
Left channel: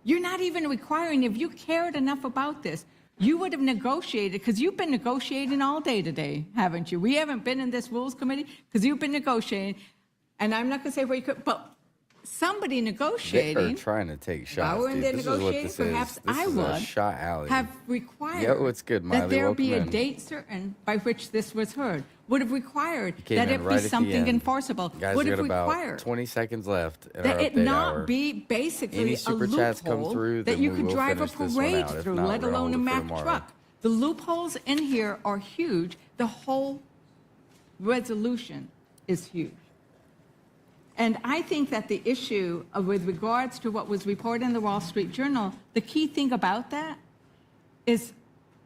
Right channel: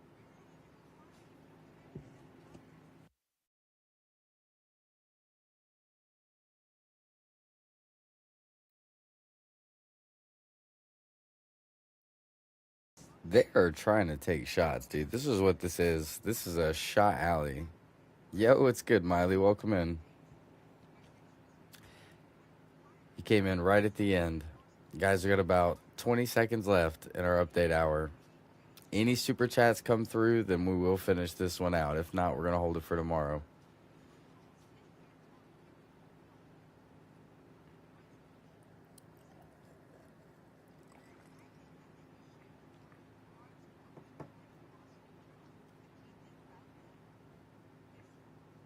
You're not even requiring, if you cared enough about this, you would have negotiated, because you've been negotiating all day today, haven't you? We haven't been in this Rules Committee because you've been negotiating, and I'm not going to say where you could, but somebody They negotiating. are trying to take shots, However dude. they're This is what this negotiating, is. perhaps This I is a would shot alley. have required Yo, what's good, that Miley? there Welcome be a in. date certain by which this was heard. Would have required You came that in it right be at the something end. enforceable. Guys, Would we got have about required 20 seconds left in that our it update not hour. be basically Any a super chats come loophole through, that then you we could will drive a finish this one parade out. If through, not, let we're going to alone hold a it for Mack tomorrow. truck. The loopholes in here are huge. The whole resolution is huge. And I think that the issue with regards to what was reported in the Wall Street Journal, the key thing about that is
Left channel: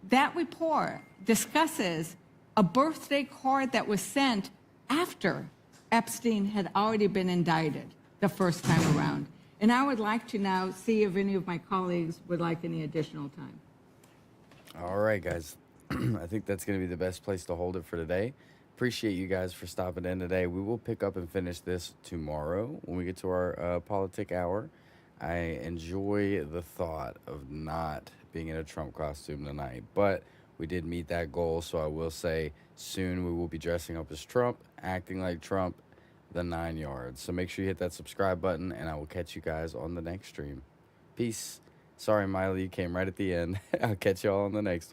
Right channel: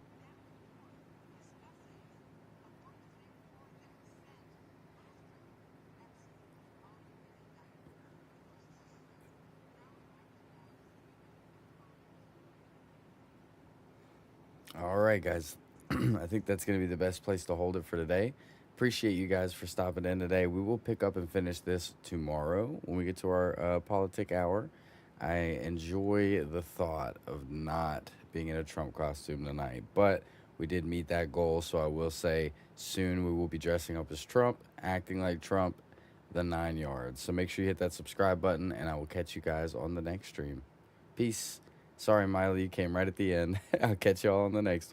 that report discusses a birthday card that was sent after Epstein had already been indicted the first time around. And I would like to now see if any of my colleagues would like any additional time. All right, guys. I think that's going to be the best place to hold it for today. Appreciate you guys for stopping in today. We will pick up and finish this tomorrow when we get to our politic hour. I enjoy the thought of not being in a Trump costume tonight, but we did meet that goal. So I will say soon we will be dressing up as Trump, acting like Trump, the 9 yards. So make sure you hit that subscribe button, and I will catch you guys on the next stream. Peace. Sorry, Miley, you came right at the end. I'll catch you all on the next one.